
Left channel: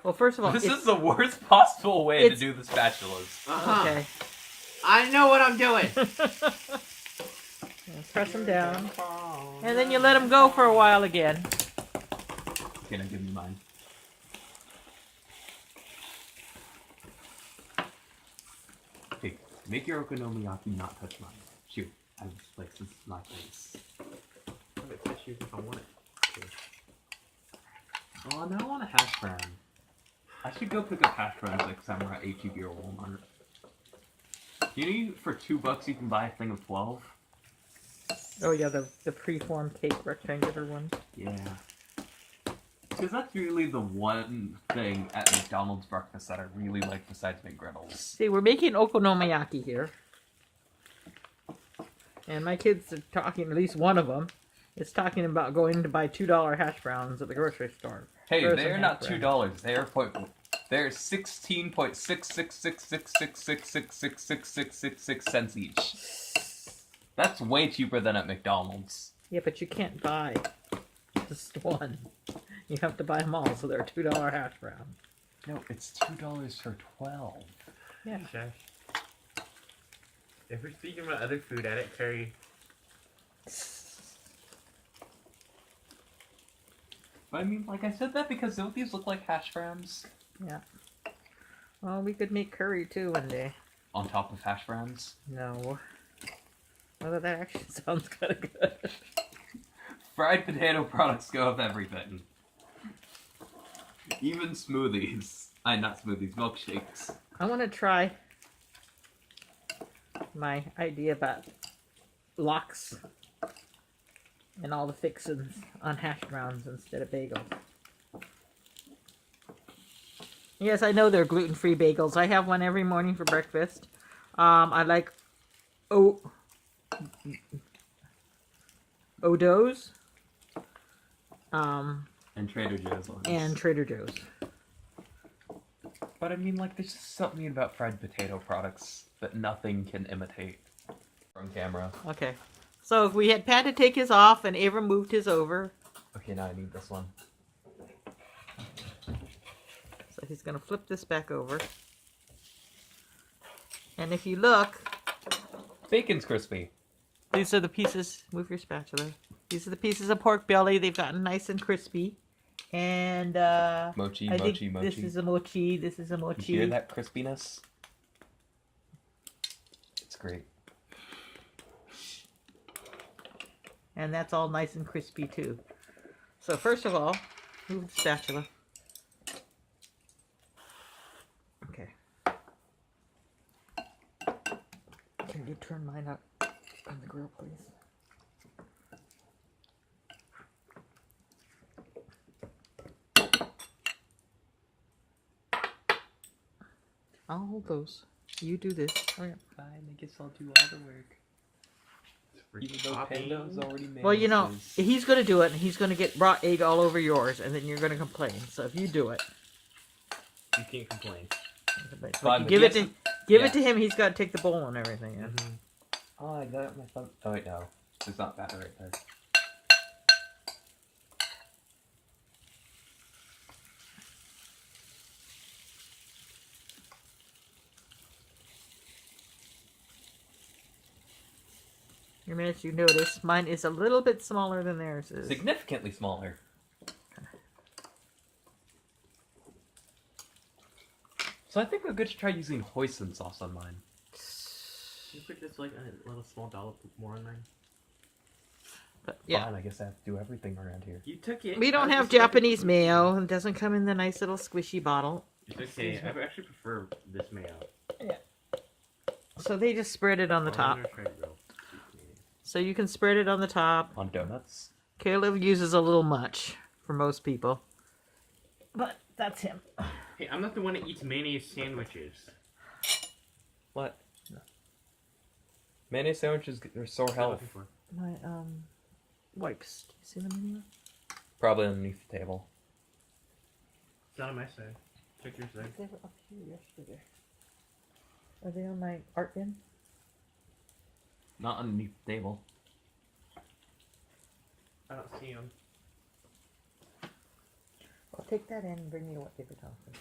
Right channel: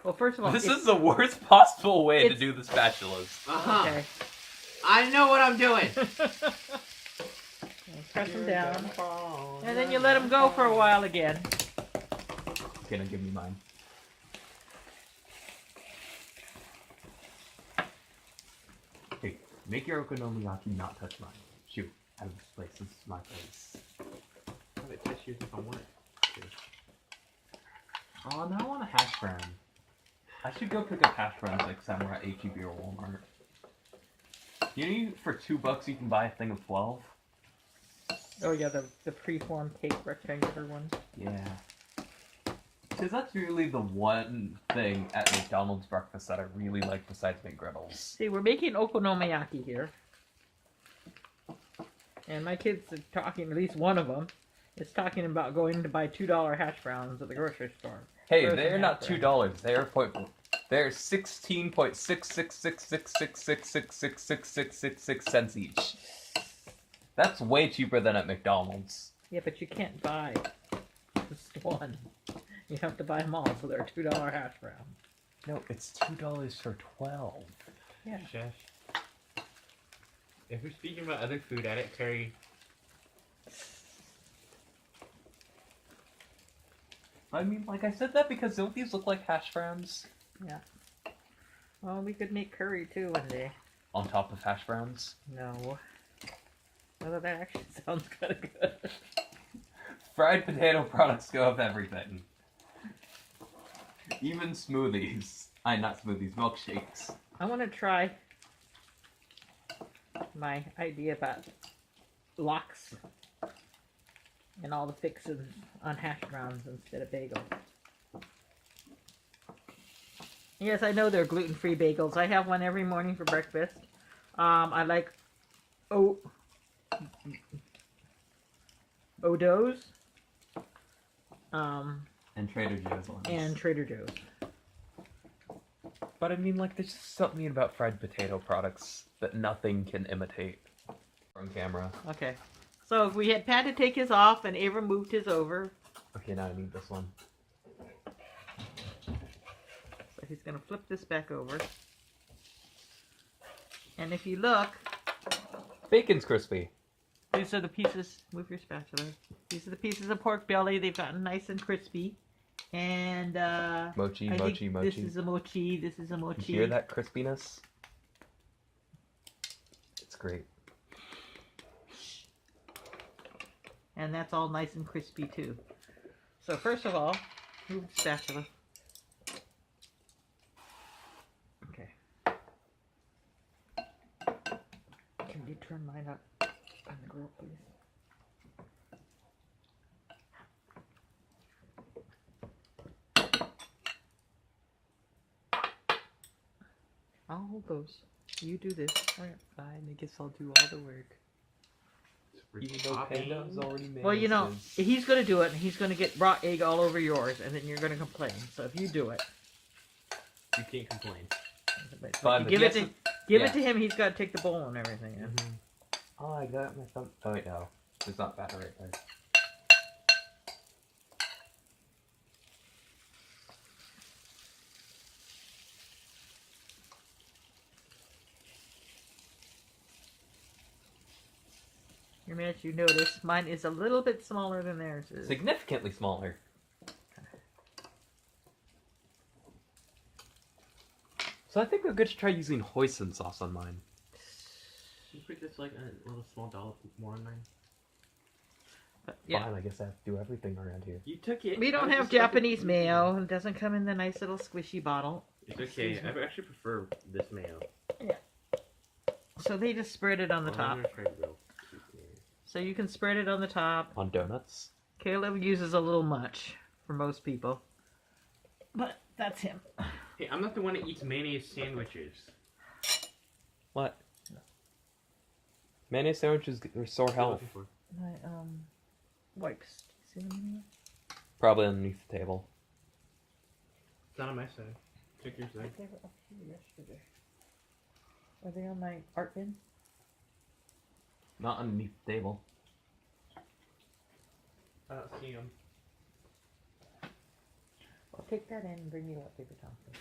Well, first of all, This is the worst possible way to do the spatulas. Okay. I know what I'm doing. Press them down, and then you let them go for a while again. Okay, now give me mine. Hey, make your okonomiyaki not touch mine. Shoot, out of this place. This is my place. I'm gonna touch yours if I want it. Oh, now I want a hash brown. I should go pick up hash browns like somewhere at HEB or Walmart. You know, for $2 you can buy a thing of 12? Oh yeah, the pre-formed cake rectangular ones. Yeah. Because that's really the one thing at McDonald's breakfast that I really like besides McGriddles. See, we're making okonomiyaki here. And my kids are talking, at least one of them, is talking about going to buy $2 hash browns at the grocery store. Hey, Frozen they're not hash browns. $2. They're 16.666666666666 cents each. That's way cheaper than at McDonald's. Yeah, but you can't buy just one. You have to buy them all, so they're a $2 hash brown. No, it's $2 for 12. Yeah. Shush. If we're speaking about other food, add it curry. I mean, like I said that because don't these look like hash browns? Yeah. Well, we could make curry too one day. On top of hash browns? No. Although that actually sounds kind of good. Fried potato products go with everything. Even smoothies. Not smoothies, milkshakes. I want to try my idea about lox and all the fixins on hash browns instead of bagels. Yes, I know they're gluten-free bagels. I have one every morning for breakfast. I like Odo's. And Trader Joe's ones. And Trader Joe's. But I mean, like, there's just something about fried potato products that nothing can imitate. On camera. Okay. So we had Pat to take his off and Abram moved his over. Okay, now I need this one. So he's going to flip this back over. And if you look, Bacon's crispy. these are the pieces, move your spatula. These are the pieces of pork belly. They've gotten nice and crispy. And Mochi, I mochi, think mochi. this is a mochi. This is a mochi. You hear that crispiness? It's great. And that's all nice and crispy too. So first of all, move the spatula. Okay. Can you turn mine up on the grill, please? I'll hold those. You do this. Hurry up. Fine, I guess I'll do all the work. Even though Panda has already made Well, you know, his. he's going to do it, and he's going to get raw egg all over yours, and then you're going to complain. So if you do it, You can't complain. but Fine, you but give yes, it yes. to him. He's got to take the bowl and everything. Yeah. Mm-hmm. Oh, I got my thumb. Oh, wait, no. It's not that right there. Your minutes, you notice mine is a little bit smaller than theirs is. Significantly smaller. So I think we're good to try using hoisin sauce on mine. Can you put just like a little small dollop more on mine? But, yeah. Fine, I guess I have to do everything around here. You took it. We don't I have just got the- Japanese mayo. It doesn't come in the nice little squishy bottle. It's okay. I actually prefer this mayo. So they just spread it on the Oh, top. I'm gonna try to go sweet mayo. So you can spread it on the top. On donuts? Caleb uses a little much for most people. But that's him. Hey, I'm not the one that eats mayonnaise sandwiches. What? Mayonnaise sandwiches restore What am I health. looking for? My wipes. Do you see them anywhere? Probably underneath the table. It's not on my side. Check your side. They were up here yesterday. Are they on my art bin? Not underneath the table. I don't see them. I'll take that in and bring me a wet paper towel. Please.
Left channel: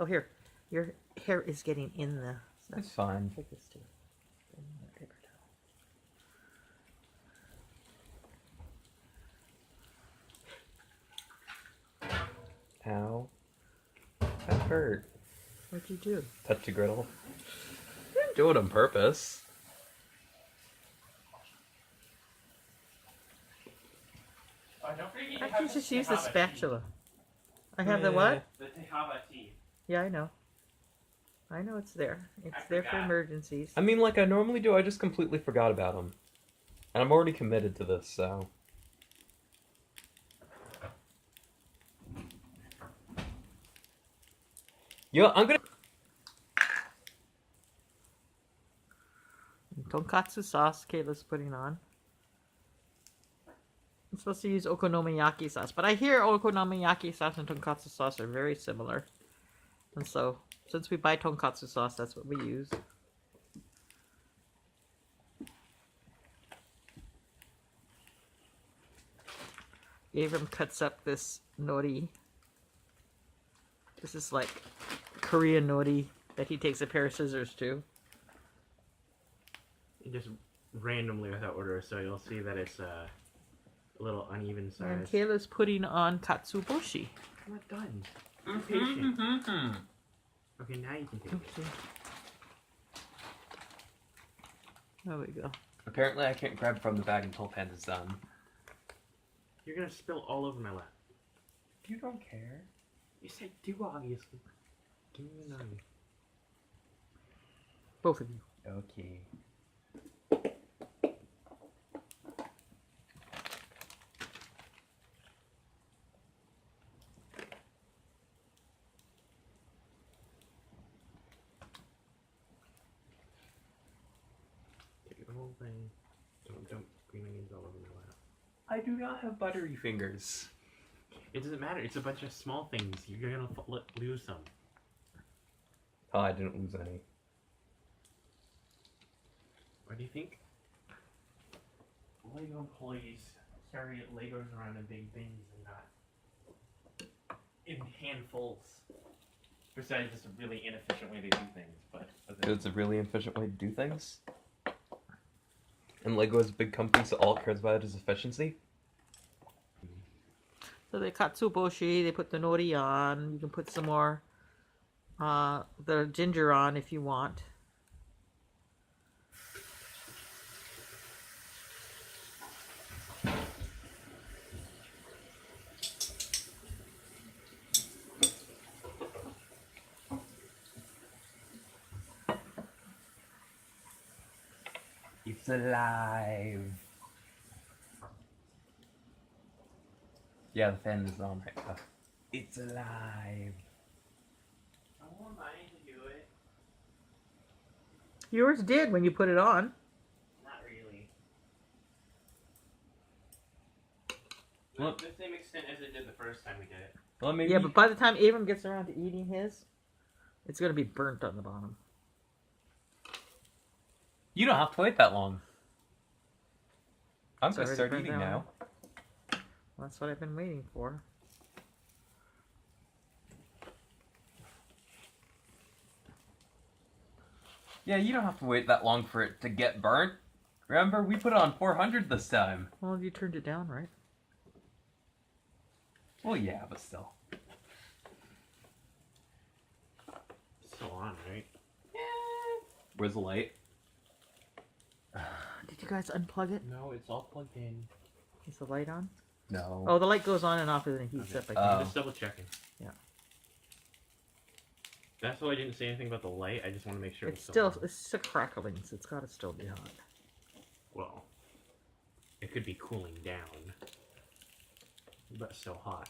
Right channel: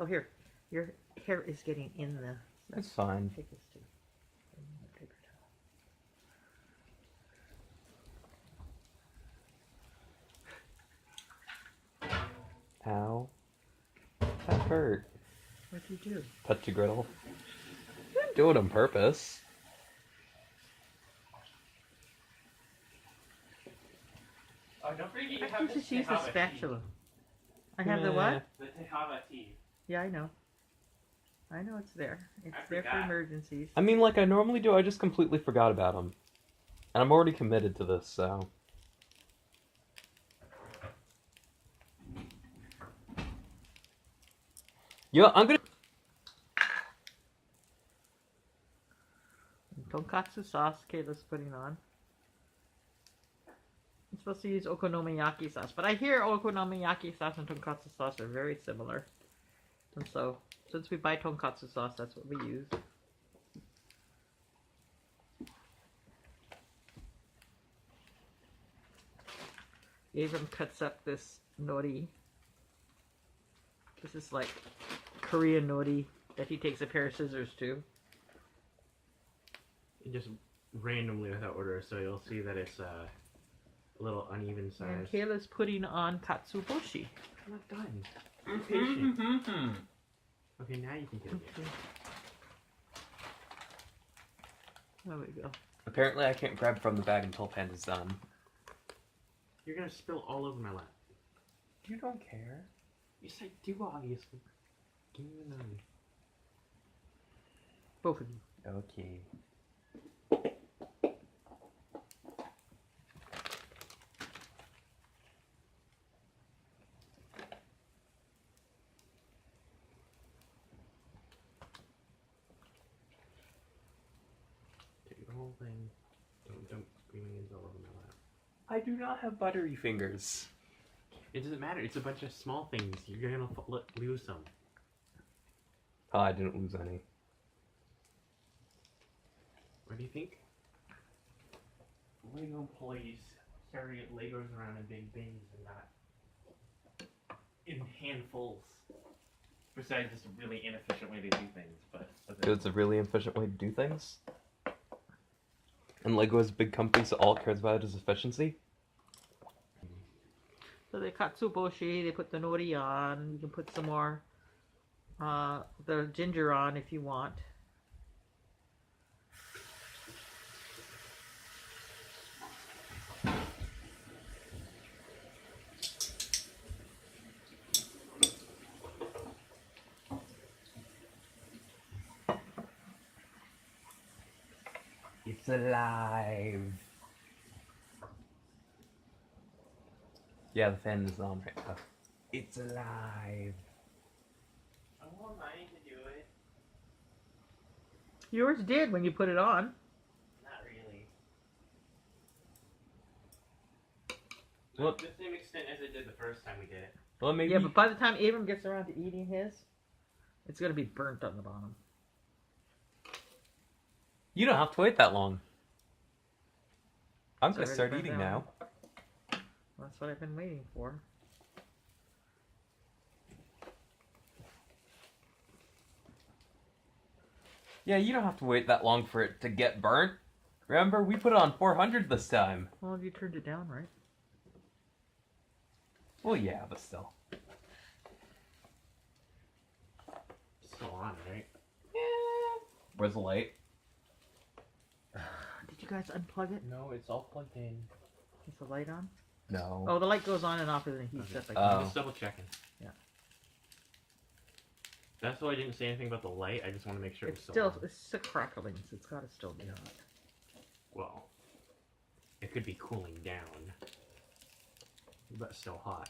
Oh, here. Your hair is getting in the... That's fine. Take this too. Bring me a wet paper towel. Ow. That hurt. What'd you do? Touch a griddle. You didn't do it on purpose. Oh, don't forget I can just use the spatula. I have the what? The Tehava tea. Yeah, I know. I know it's there. It's I there for forgot. emergencies. I mean, like I normally do, I just completely forgot about them. And I'm already committed to this, so... Yeah, I'm gonna... Tonkatsu sauce Kayla's putting on. I'm supposed to use okonomiyaki sauce, but I hear okonomiyaki sauce and tonkatsu sauce are very similar. And so, since we buy tonkatsu sauce, that's what we use. Abram cuts up this nori. This is like Korean nori that he takes a pair of scissors to. just randomly without order, so you'll see that it's a little uneven size. And Kayla's putting on katsuobushi. I'm not done. Be patient. Okay, now you can take it. Okay. There we go. Apparently, I can't grab from the bag until Panda's done. You're gonna spill all over my lap. You don't care. Yes, I do, obviously. Give me the knife. Both of you. Okay. Take the whole thing. Don't dump green onions all over my lap. I do not have buttery fingers. It doesn't matter. It's a bunch of small things. You're gonna lose some. Oh, I didn't lose any. What do you think? Lego employees carry Legos around in big things and not in handfuls. Besides, it's a really inefficient way to do things, but It's a really efficient way to do things. And Lego is a big company, so all it cares about is efficiency. So they katsuobushi, they put the nori on. You can put some more the ginger on if you want. It's alive. Yeah, the fan is on right now. It's alive. I want mine to do it. Yours did when you put it on. Not really. Well- To the same extent as it did the first time we did it. Well, maybe. Yeah, but by the time Abram gets around to eating his, it's going to be burnt on the bottom. You don't have to wait that long. I'm It's gonna already start burnt eating down. now. That's what I've been waiting for. Yeah, you don't have to wait that long for it to get burnt. Remember, we put it on 400 this time. Well, you turned it down, right? Well, yeah, but still. It's still on, right? Where's the light? Did you guys unplug it? No, it's all plugged in. Is the light on? No. Oh, the light goes on and off and then it heats Okay. up. I Oh. think. Just double checking. Yeah. That's why I didn't say anything about the light. I just want to make sure It's it was still, on. it's still crackling, so it's got to still be hot. Well, it could be cooling down, but still hot.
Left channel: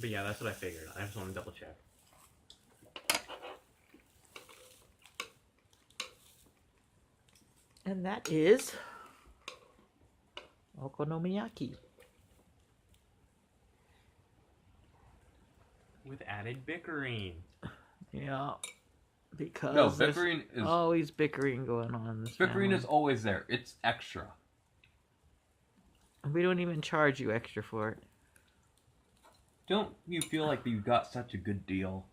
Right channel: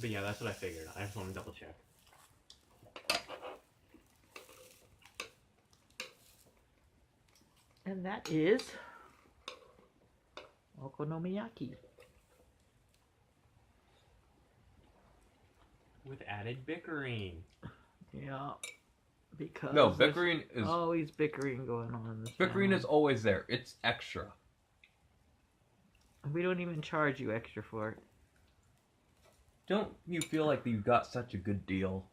But yeah, that's what I figured. I just want to double check. And that is Okonomiyaki. With added bickering. Yeah. Because No, there's bickering is always bickering going on in this bickering family. is always there. It's extra. We don't even charge you extra for it. Don't you feel like you got such a good deal?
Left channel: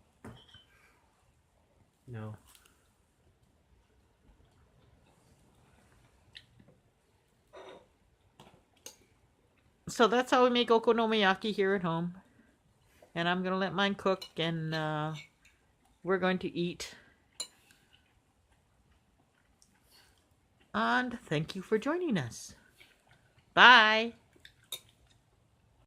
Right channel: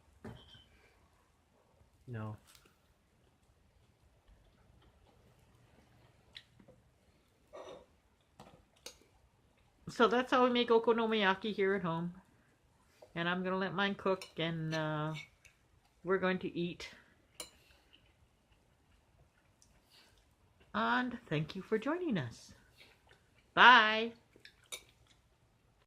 No. So that's how we make okonomiyaki here at home. And I'm going to let mine cook and we're going to eat. And thank you for joining us. Bye.